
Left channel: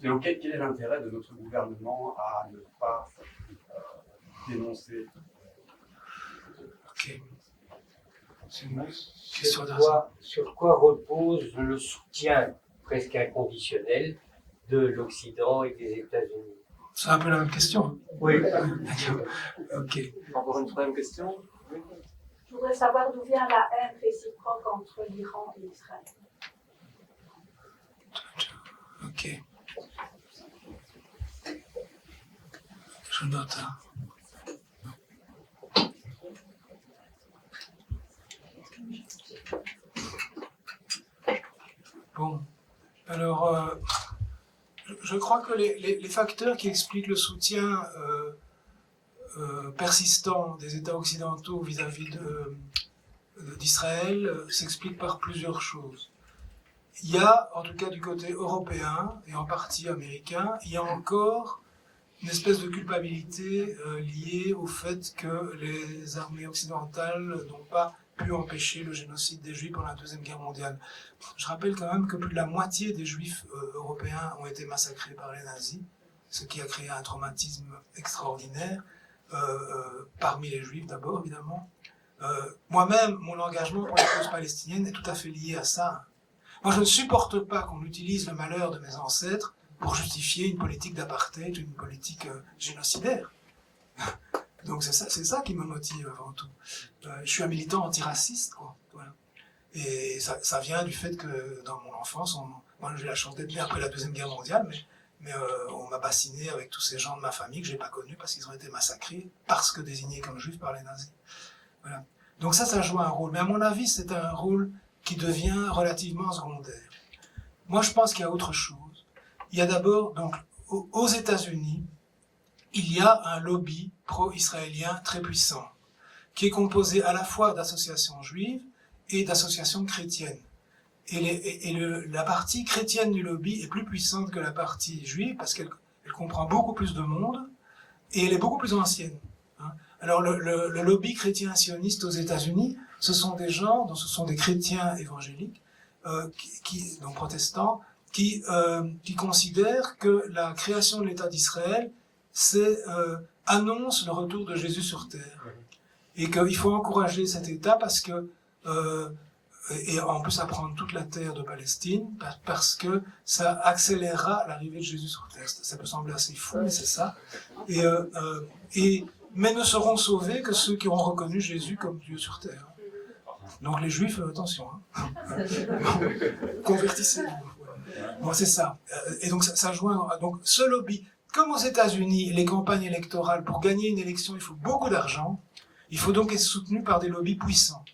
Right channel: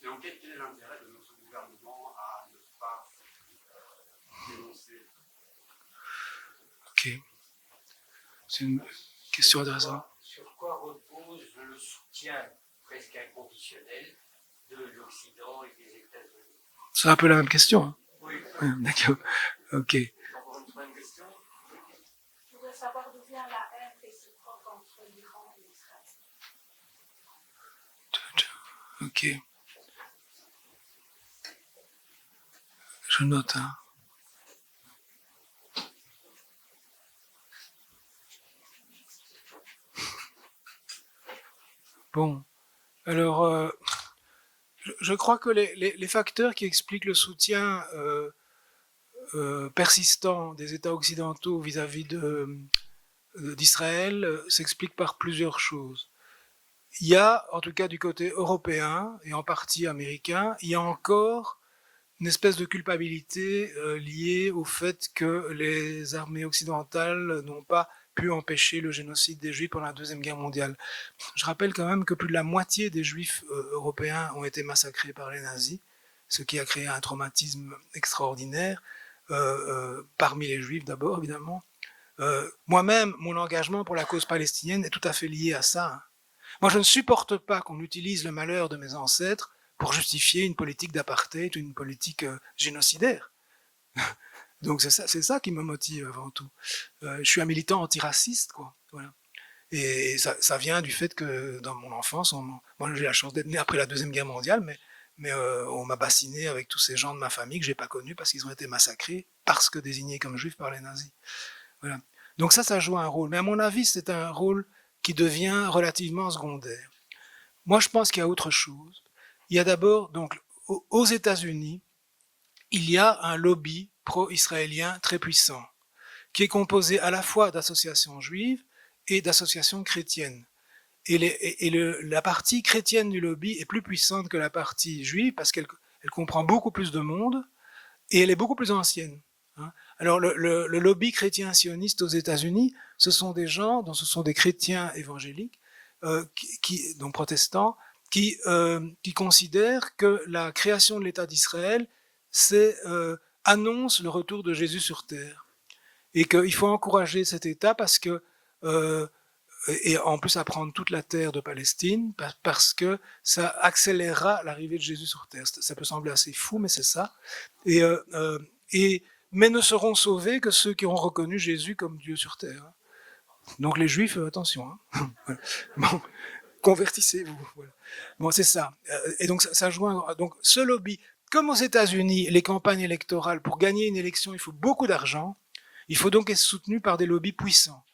quel est l'intérêt de notre gouvernement à ne pas dénoncer? Ok. C'est une question intéressante. Sur quoi repose le soutien presque inconditionnel de l'Occident et des États-Unis? C'est un peu la même question. Oui. D'accord. Ok. Encore une troisième question. Je voudrais savoir d'où vient la haine réciproque entre l'Iran et Israël. Ok. Je note. Hein. Bon. Alors, je crois que les facteurs qui expliquent le soutien persistant des États occidentaux vis-à-vis d'Israël s'expliquent par plusieurs choses. Il y a, en tout cas du côté européen et en partie américain, il y a encore une espèce de culpabilité liée au fait que les armées occidentales n'ont pas pu empêcher le génocide des Juifs pendant la Deuxième Guerre mondiale. Je rappelle quand même que plus de la moitié des Juifs européens ont été massacrés par les nazis, ce qui a créé un traumatisme extraordinaire, parmi les Juifs d'abord, évidemment. Moi-même, mon engagement pour la cause palestinienne est tout à fait lié à ça. Moi, je ne supporte pas qu'on utilise le malheur de mes ancêtres pour justifier une politique d'apartheid ou une politique génocidaire. Donc c'est ça qui me motive avant tout. Je suis un militant antiraciste, quoi. Voilà. Et ça vient du fait que dans mon enfance, moi j'ai la chance d'être né après la Deuxième Guerre mondiale, mais on m'a bassiné avec tous ces gens de ma famille que je n'ai pas connus parce qu'ils ont été massacrés parce que désignés comme juifs par les nazis. Voilà. Donc ça joue un rôle. Mais à mon avis, c'est un rôle qui devient relativement secondaire. Moi, je pense qu'il y a autre chose. Il y a d'abord, donc, aux États-Unis, il y a un lobby pro-israélien très puissant, qui est composé à la fois d'associations juives et d'associations chrétiennes. Et la partie chrétienne du lobby est plus puissante que la partie juive parce qu'elle comprend beaucoup plus de monde et elle est beaucoup plus ancienne. Hein. Alors le lobby chrétien sioniste aux États-Unis, ce sont des gens, ce sont des chrétiens évangéliques, donc protestants, qui considèrent que la création de l'État d'Israël annonce le retour de Jésus sur terre. Et qu'il faut encourager cet État parce que, et en plus à prendre toute la terre de Palestine, parce que ça accélérera l'arrivée de Jésus sur terre. Ça peut sembler assez fou, mais c'est ça. Mais ne seront sauvés que ceux qui auront reconnu Jésus comme Dieu sur terre. Donc les Juifs, attention, hein. Convertissez-vous. Bon, c'est ça. Et donc ça joue donc ce lobby. Comme aux États-Unis, les campagnes électorales, pour gagner une élection, il faut beaucoup d'argent. Il faut donc être soutenu par des lobbies puissants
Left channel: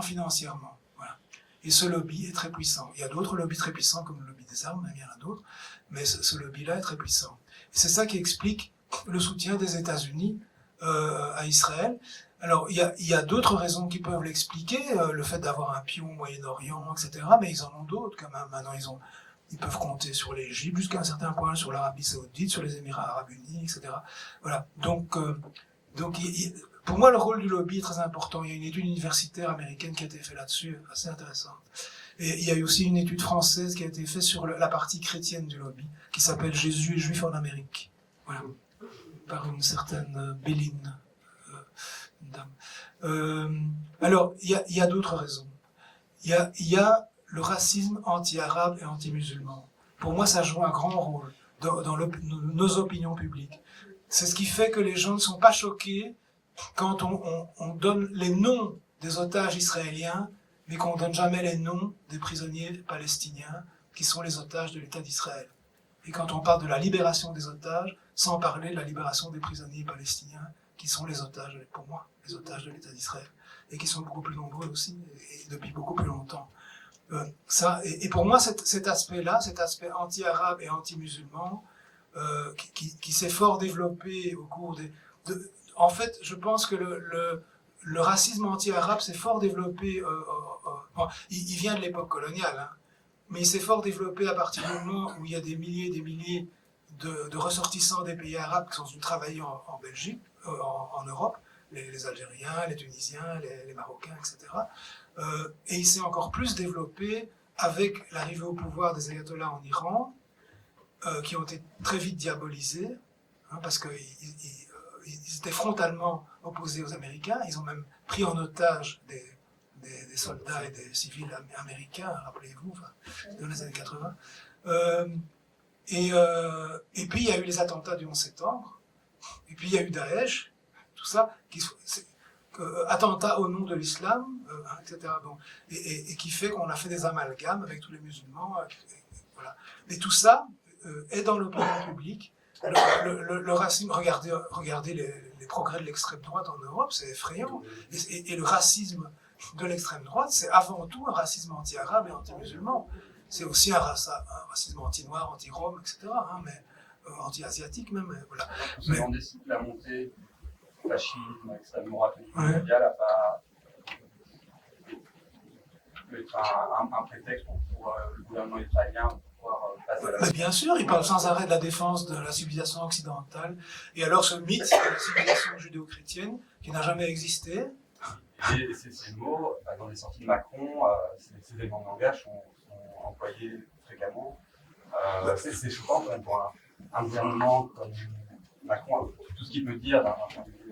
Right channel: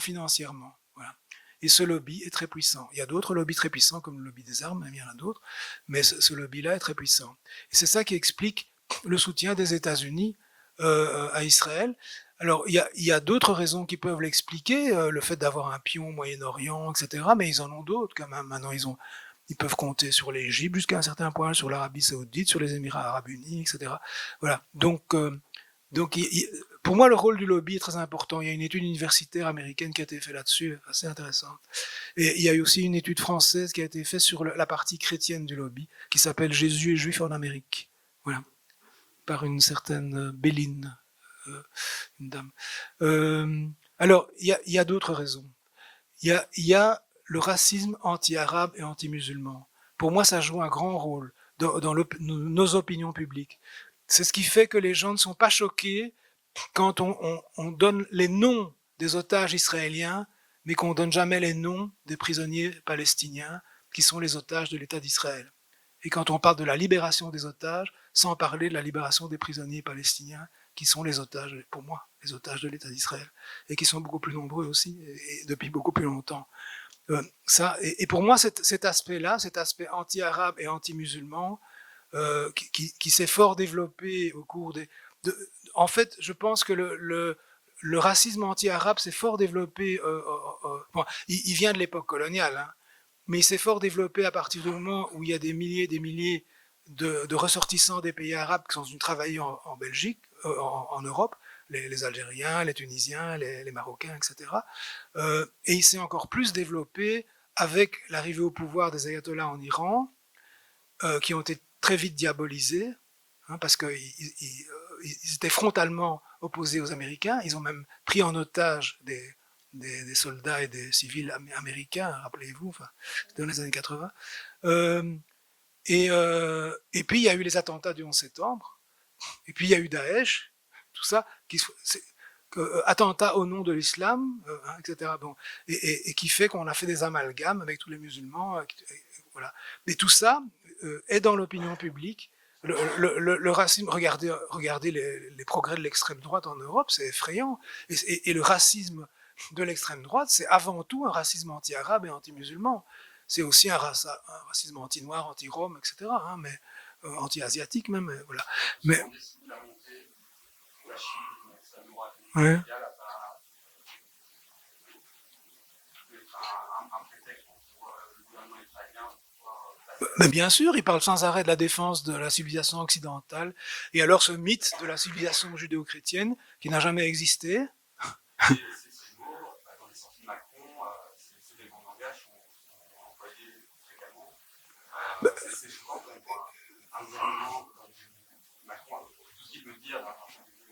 financièrement. Voilà. Et ce lobby est très puissant. Il y a d'autres lobbies très puissants, comme le lobby des armes, même il y en a d'autres, mais ce lobby-là est très puissant. Et c'est ça qui explique le soutien des États-Unis à Israël. Alors, il y a d'autres raisons qui peuvent l'expliquer, le fait d'avoir un pion au Moyen-Orient, etc., mais ils en ont d'autres quand même. Maintenant, ils peuvent compter sur l'Égypte jusqu'à un certain point, sur l'Arabie Saoudite, sur les Émirats Arabes Unis, etc. Voilà. Donc pour moi, le rôle du lobby est très important. Il y a une étude universitaire américaine qui a été faite là-dessus, assez intéressante. Et il y a eu aussi une étude française qui a été faite sur la partie chrétienne du lobby, qui s'appelle Jésus et Juifs en Amérique. Voilà. Par une certaine Béline, une dame. Alors, il y a d'autres raisons. Il y a le racisme anti-arabe et anti-musulman. Pour moi, ça joue un grand rôle dans nos opinions publiques. C'est ce qui fait que les gens ne sont pas choqués quand on donne les noms des otages israéliens, mais qu'on ne donne jamais les noms des prisonniers palestiniens qui sont les otages de l'État d'Israël. Et quand on parle de la libération des otages, sans parler de la libération des prisonniers palestiniens, qui sont les otages, pour moi, les otages de l'État d'Israël, et qui sont beaucoup plus nombreux aussi, et depuis beaucoup plus longtemps. Et pour moi, cet aspect-là, cet aspect anti-arabe et anti-musulman, qui s'est fort développé au cours en fait, je pense que le racisme anti-arabe s'est fort développé, bon, il vient de l'époque coloniale, hein, mais il s'est fort développé à partir du moment où il y a des milliers de ressortissants des pays arabes qui sont venus travailler en Belgique, en Europe, les Algériens, les Tunisiens, les Marocains, etc. Et il s'est encore plus développé avec l'arrivée au pouvoir des ayatollahs en Iran, qui ont été très vite diabolisés, hein, parce qu'ils étaient frontalement opposés aux Américains. Ils ont même pris en otage des soldats et des civils américains, rappelez-vous, enfin, dans les années 80. Et puis il y a eu les attentats du 11 septembre, et puis il y a eu Daesh, tout ça, attentats au nom de l'islam, etc. Bon, et qui fait qu'on a fait des amalgames avec tous les musulmans. Voilà. Et tout ça est dans l'opinion publique. Le racisme, regardez les progrès de l'extrême droite en Europe, c'est effrayant. Et le racisme de l'extrême droite, c'est avant tout un racisme anti-arabe et anti-musulman. C'est aussi un racisme anti-noir, anti-rome, etc., hein, mais anti-asiatique même. Voilà. Mais on décide de la montée du fascisme extrêmement radical mondial n'a pas un prétexte pour le gouvernement israélien. Mais bien sûr, il parle sans arrêt de la défense de la civilisation occidentale. Et alors ce mythe de la civilisation judéo-chrétienne qui n'a jamais existé. Ces mots, dans les sorties de Macron, ces éléments de langage sont employés fréquemment. C'est choquant quand même pour un gouvernement comme Macron, tout ce qu'il peut dire d'un point de vue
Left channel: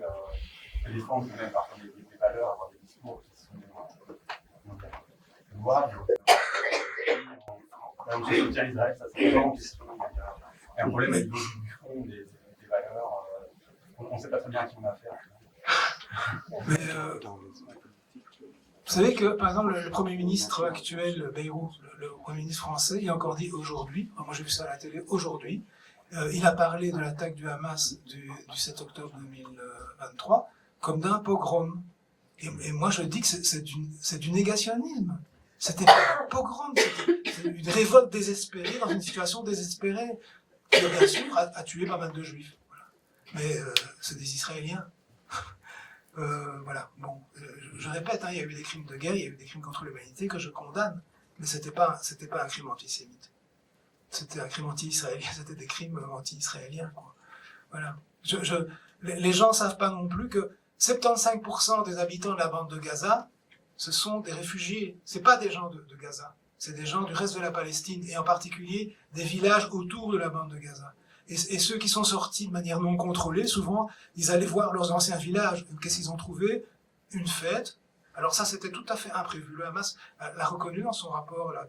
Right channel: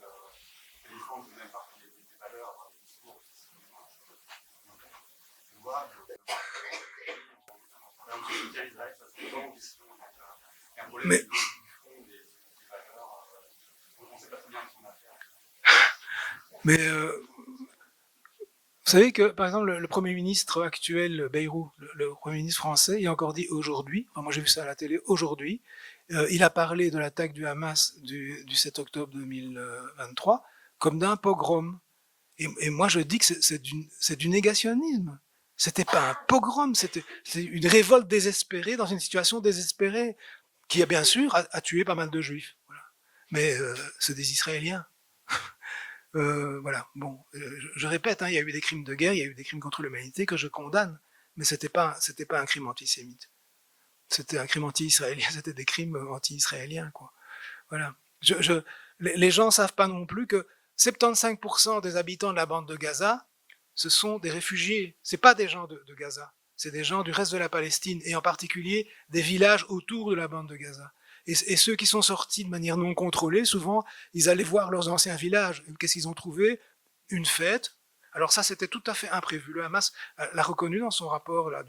de défense, même parfois des valeurs, avoir des discours qui sont louables. Là où je soutiens Israël, ça c'est vraiment une question. Il y a un problème du fond des valeurs. On ne sait pas très bien à qui on a affaire. Mais vous savez que, par exemple, le Premier ministre actuel, Bayrou, le Premier ministre français, il a encore dit aujourd'hui, moi j'ai vu ça à la télé, aujourd'hui, il a parlé de l'attaque du Hamas du 7 octobre 2023 comme d'un pogrom. Et moi je dis que c'est du négationnisme. C'était pas un pogrom, c'était une révolte désespérée dans une situation désespérée qui, bien sûr, a tué pas mal de juifs. Voilà. Mais c'est des Israéliens. Voilà. Bon, je répète, hein, il y a eu des crimes de guerre, il y a eu des crimes contre l'humanité que je condamne, mais c'était pas un crime antisémite. C'était un crime anti-israélien, c'était des crimes anti-israéliens, quoi. Voilà. Les gens savent pas non plus que 75% des habitants de la bande de Gaza, ce sont des réfugiés. C'est pas des gens de Gaza, c'est des gens du reste de la Palestine, et en particulier des villages autour de la bande de Gaza. Et ceux qui sont sortis de manière non contrôlée, souvent, ils allaient voir leurs anciens villages. Qu'est-ce qu'ils ont trouvé? Une fête. Alors ça, c'était tout à fait imprévu. Le Hamas l'a reconnu dans son rapport. Là,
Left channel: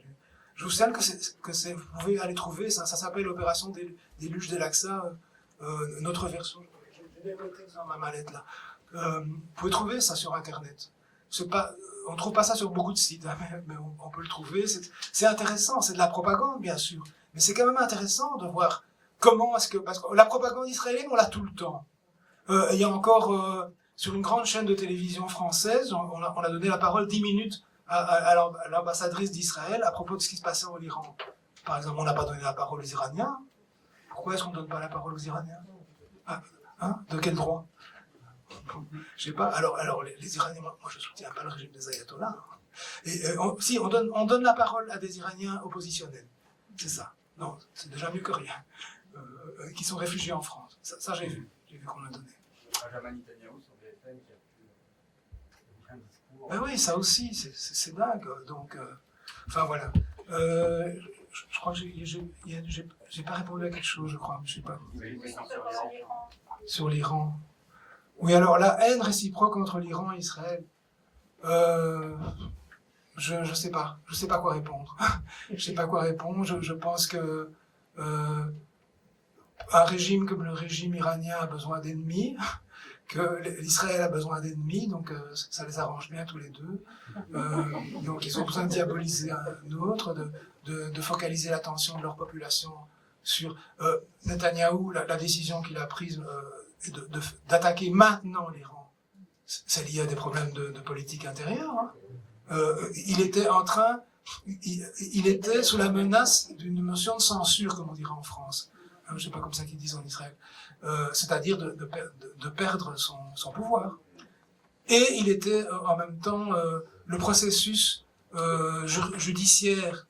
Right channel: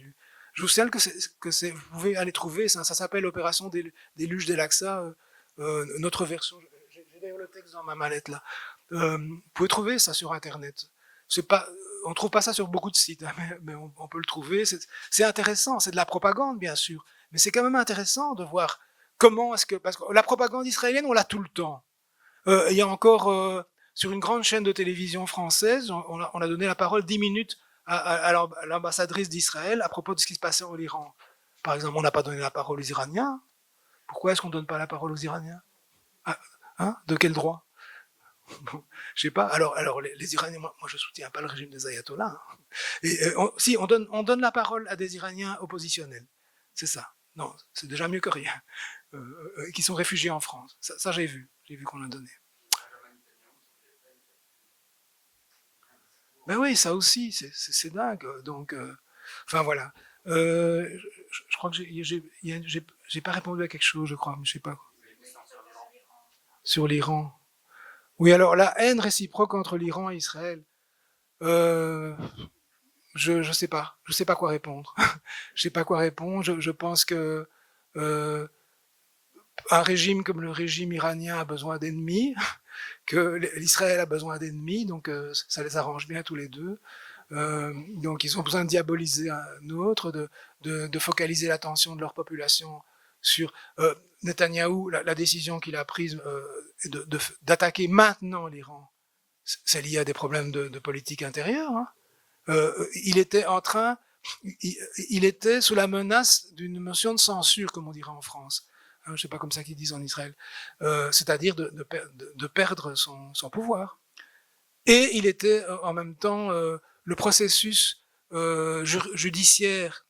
je vous signale que vous pouvez aller trouver, ça s'appelle l'opération Déluge d'El-Aqsa, notre version. J'ai le texte dans ma mallette là. Vous pouvez trouver ça sur Internet. On ne trouve pas ça sur beaucoup de sites, hein, mais on peut le trouver. C'est intéressant, c'est de la propagande, bien sûr. Mais c'est quand même intéressant de voir comment est-ce que... Parce que la propagande israélienne, on l'a tout le temps. Il y a encore, sur une grande chaîne de télévision française, on a donné la parole 10 minutes à l'ambassadrice d'Israël à propos de ce qui se passait en Iran. Par exemple, on n'a pas donné la parole aux Iraniens. Pourquoi est-ce qu'on ne donne pas la parole aux Iraniens? De quel droit? Je sais pas. Alors les Iraniens, moi je soutiens pas le régime des ayatollahs. Hein. Et on donne la parole à des Iraniens oppositionnels. C'est ça. Non, c'est déjà mieux que rien. Qui sont réfugiés en France. Ça j'ai vu qu'on a donné. Benjamin Netanyahu sur BFM qui a fait un discours. Ben oui, ça aussi, c'est dingue. Donc, enfin voilà. Je crois que j'ai pas répondu à quelque chose, je crois, mais je sais pas. Sur l'Iran. Oui, alors la haine réciproque entre l'Iran et Israël. Je sais pas. Je sais pas quoi répondre. Je sais pas quoi répondre. Je pense que un régime comme le régime iranien a besoin d'ennemis, que l'Israël a besoin d'ennemis, donc ça les arrange bien tous les deux. Donc ils ont besoin de diaboliser un autre, de focaliser l'attention de leur population sur Netanyahou, la décision qu'il a prise d'attaquer maintenant l'Iran. C'est lié à des problèmes de politique intérieure. Hein. Il était sous la menace d'une motion de censure, comme on dirait en France. Je ne sais pas comme ça qu'ils disent en Israël. C'est-à-dire de perdre son pouvoir. Et il était en même temps le processus judiciaire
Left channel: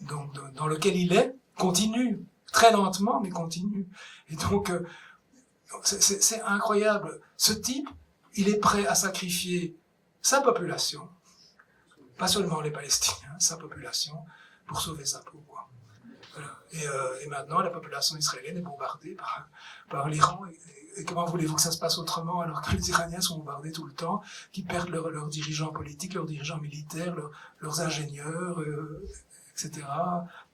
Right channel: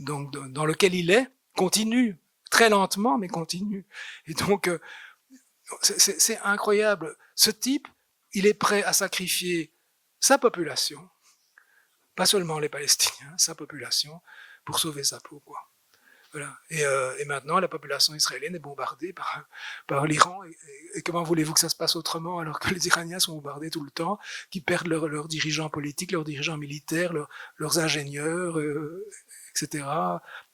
dans lequel il est continue, très lentement, mais continue. Et donc, c'est incroyable. Ce type, il est prêt à sacrifier sa population, pas seulement les Palestiniens, sa population, pour sauver sa peau, quoi. Voilà. Et maintenant, la population israélienne est bombardée par l'Iran. Et comment voulez-vous que ça se passe autrement alors que les Iraniens sont bombardés tout le temps, qu'ils perdent leurs dirigeants politiques, leurs dirigeants militaires, leurs ingénieurs, etc.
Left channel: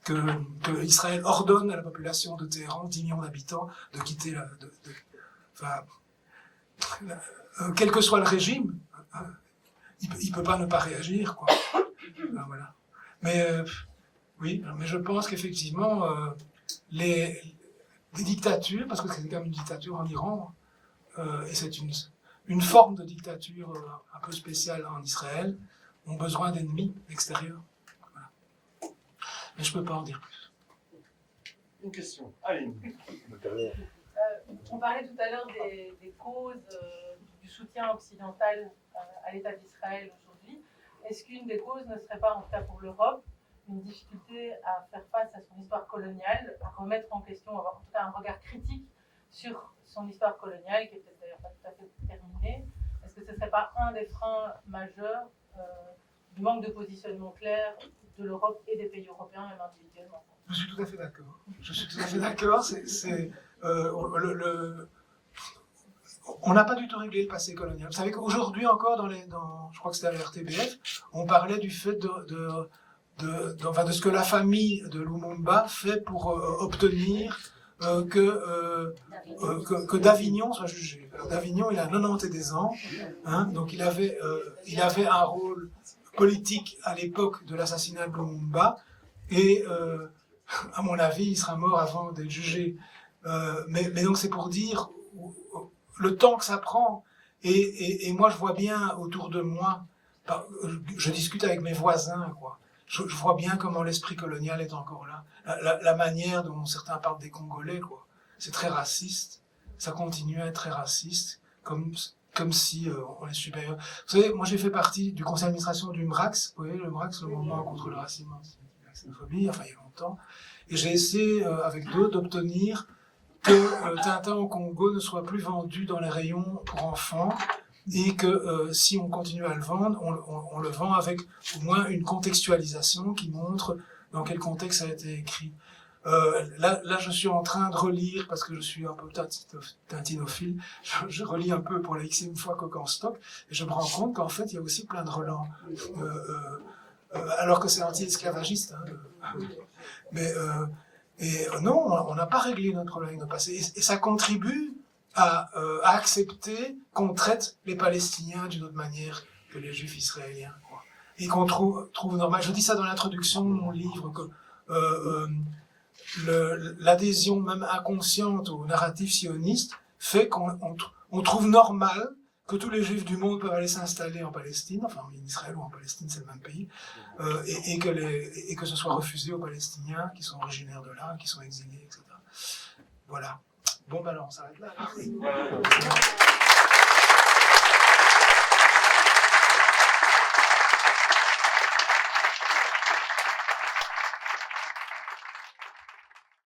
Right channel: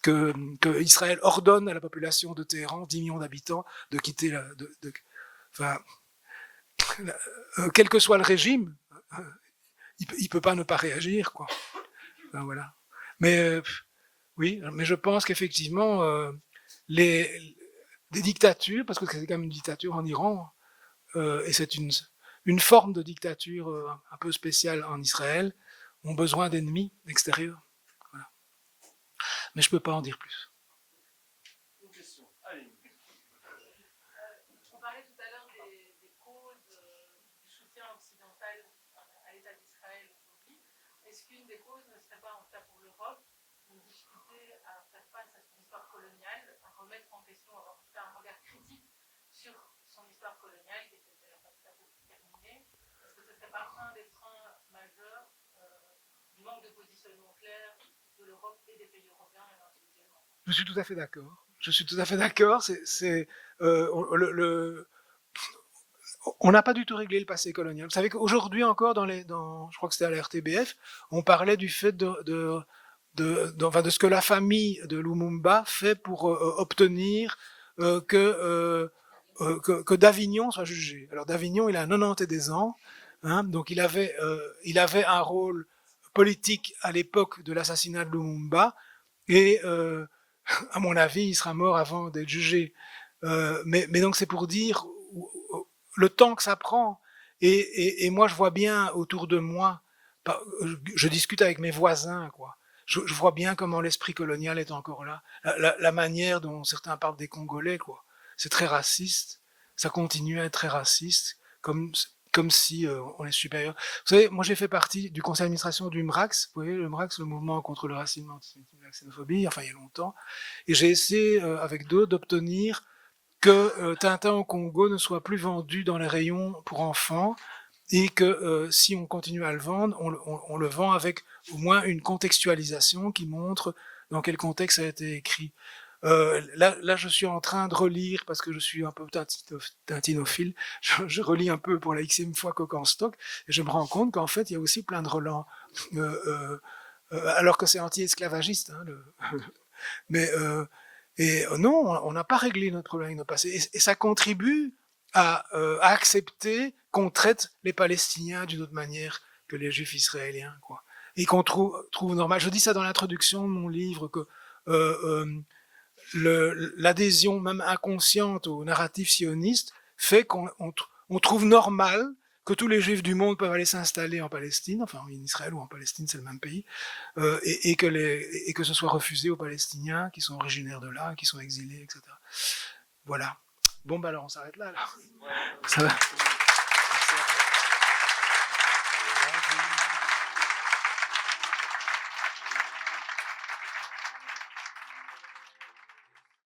Que Israël ordonne à la population de Téhéran, 10 millions d'habitants, de quitter quel que soit le régime, il peut pas ne pas réagir, quoi. Ben, voilà. Mais oui, mais je pense qu'effectivement, des dictatures, parce que c'est quand même une dictature en Iran, et c'est une forme de dictature un peu spéciale en Israël, ont besoin d'ennemis extérieurs. Voilà. Mais je ne peux pas en dire plus. Une question. Allez. On parlait tout à l'heure des causes du soutien occidental à l'État d'Israël aujourd'hui. Est-ce qu'une des causes ne serait pas, en tout cas pour l'Europe, une difficulté à faire face à son histoire coloniale, à remettre en question, avoir en tout cas un regard critique sur son histoire coloniale, qui est peut-être d'ailleurs pas tout à fait terminée? Est-ce que ce ne serait pas un des freins majeurs du manque de positionnement clair de l'Europe et des pays européens, même individuellement? Je suis tout à fait d'accord. On n'a pas du tout réglé le passé colonial. Vous savez qu'aujourd'hui encore, je crois que c'était à la RTBF, on parlait du fait de ce que la famille de Lumumba fait pour obtenir que d'Avignon soit jugé. Alors d'Avignon, il a 90 ans, hein, donc il avait un rôle politique à l'époque de l'assassinat de Lumumba, et à mon avis, il sera mort avant d'être jugé. Mais donc c'est pour dire le temps que ça prend. Et moi, je vois bien autour de moi, je discute avec mes voisins, quoi. Je vois bien comment l'esprit colonial est encore là. La manière dont certains parlent des Congolais, quoi. C'est très raciste. Ça continue à être très raciste, comme si on est supérieur. Vous savez, moi j'ai fait partie du conseil d'administration du MRAX. Vous voyez, le MRAX, le mouvement contre le racisme et la xénophobie, enfin il y a longtemps. Et j'ai essayé, avec d'autres, d'obtenir que Tintin au Congo ne soit plus vendu dans les rayons pour enfants, et que si on continue à le vendre, on le vend avec au moins une contextualisation qui montre dans quel contexte ça a été écrit. Là, je suis en train de relire, parce que je suis un peu tintinophile, je relis un peu pour la xème fois Coq en stock, et je me rends compte qu'en fait, il y a aussi plein de relents, alors que c'est anti-esclavagiste. Hein, non, on n'a pas réglé notre problème avec notre passé, et ça contribue à accepter qu'on traite les Palestiniens d'une autre manière que les Juifs israéliens, quoi. Et qu'on trouve normal. Je dis ça dans l'introduction de mon livre, que l'adhésion même inconsciente au narratif sioniste fait qu'on trouve normal que tous les Juifs du monde peuvent aller s'installer en Palestine, enfin en Israël ou en Palestine, c'est le même pays, et que ce soit refusé aux Palestiniens qui sont originaires de là, qui sont exilés, etc. Voilà. Bon, ben alors on s'arrête là. Ouais.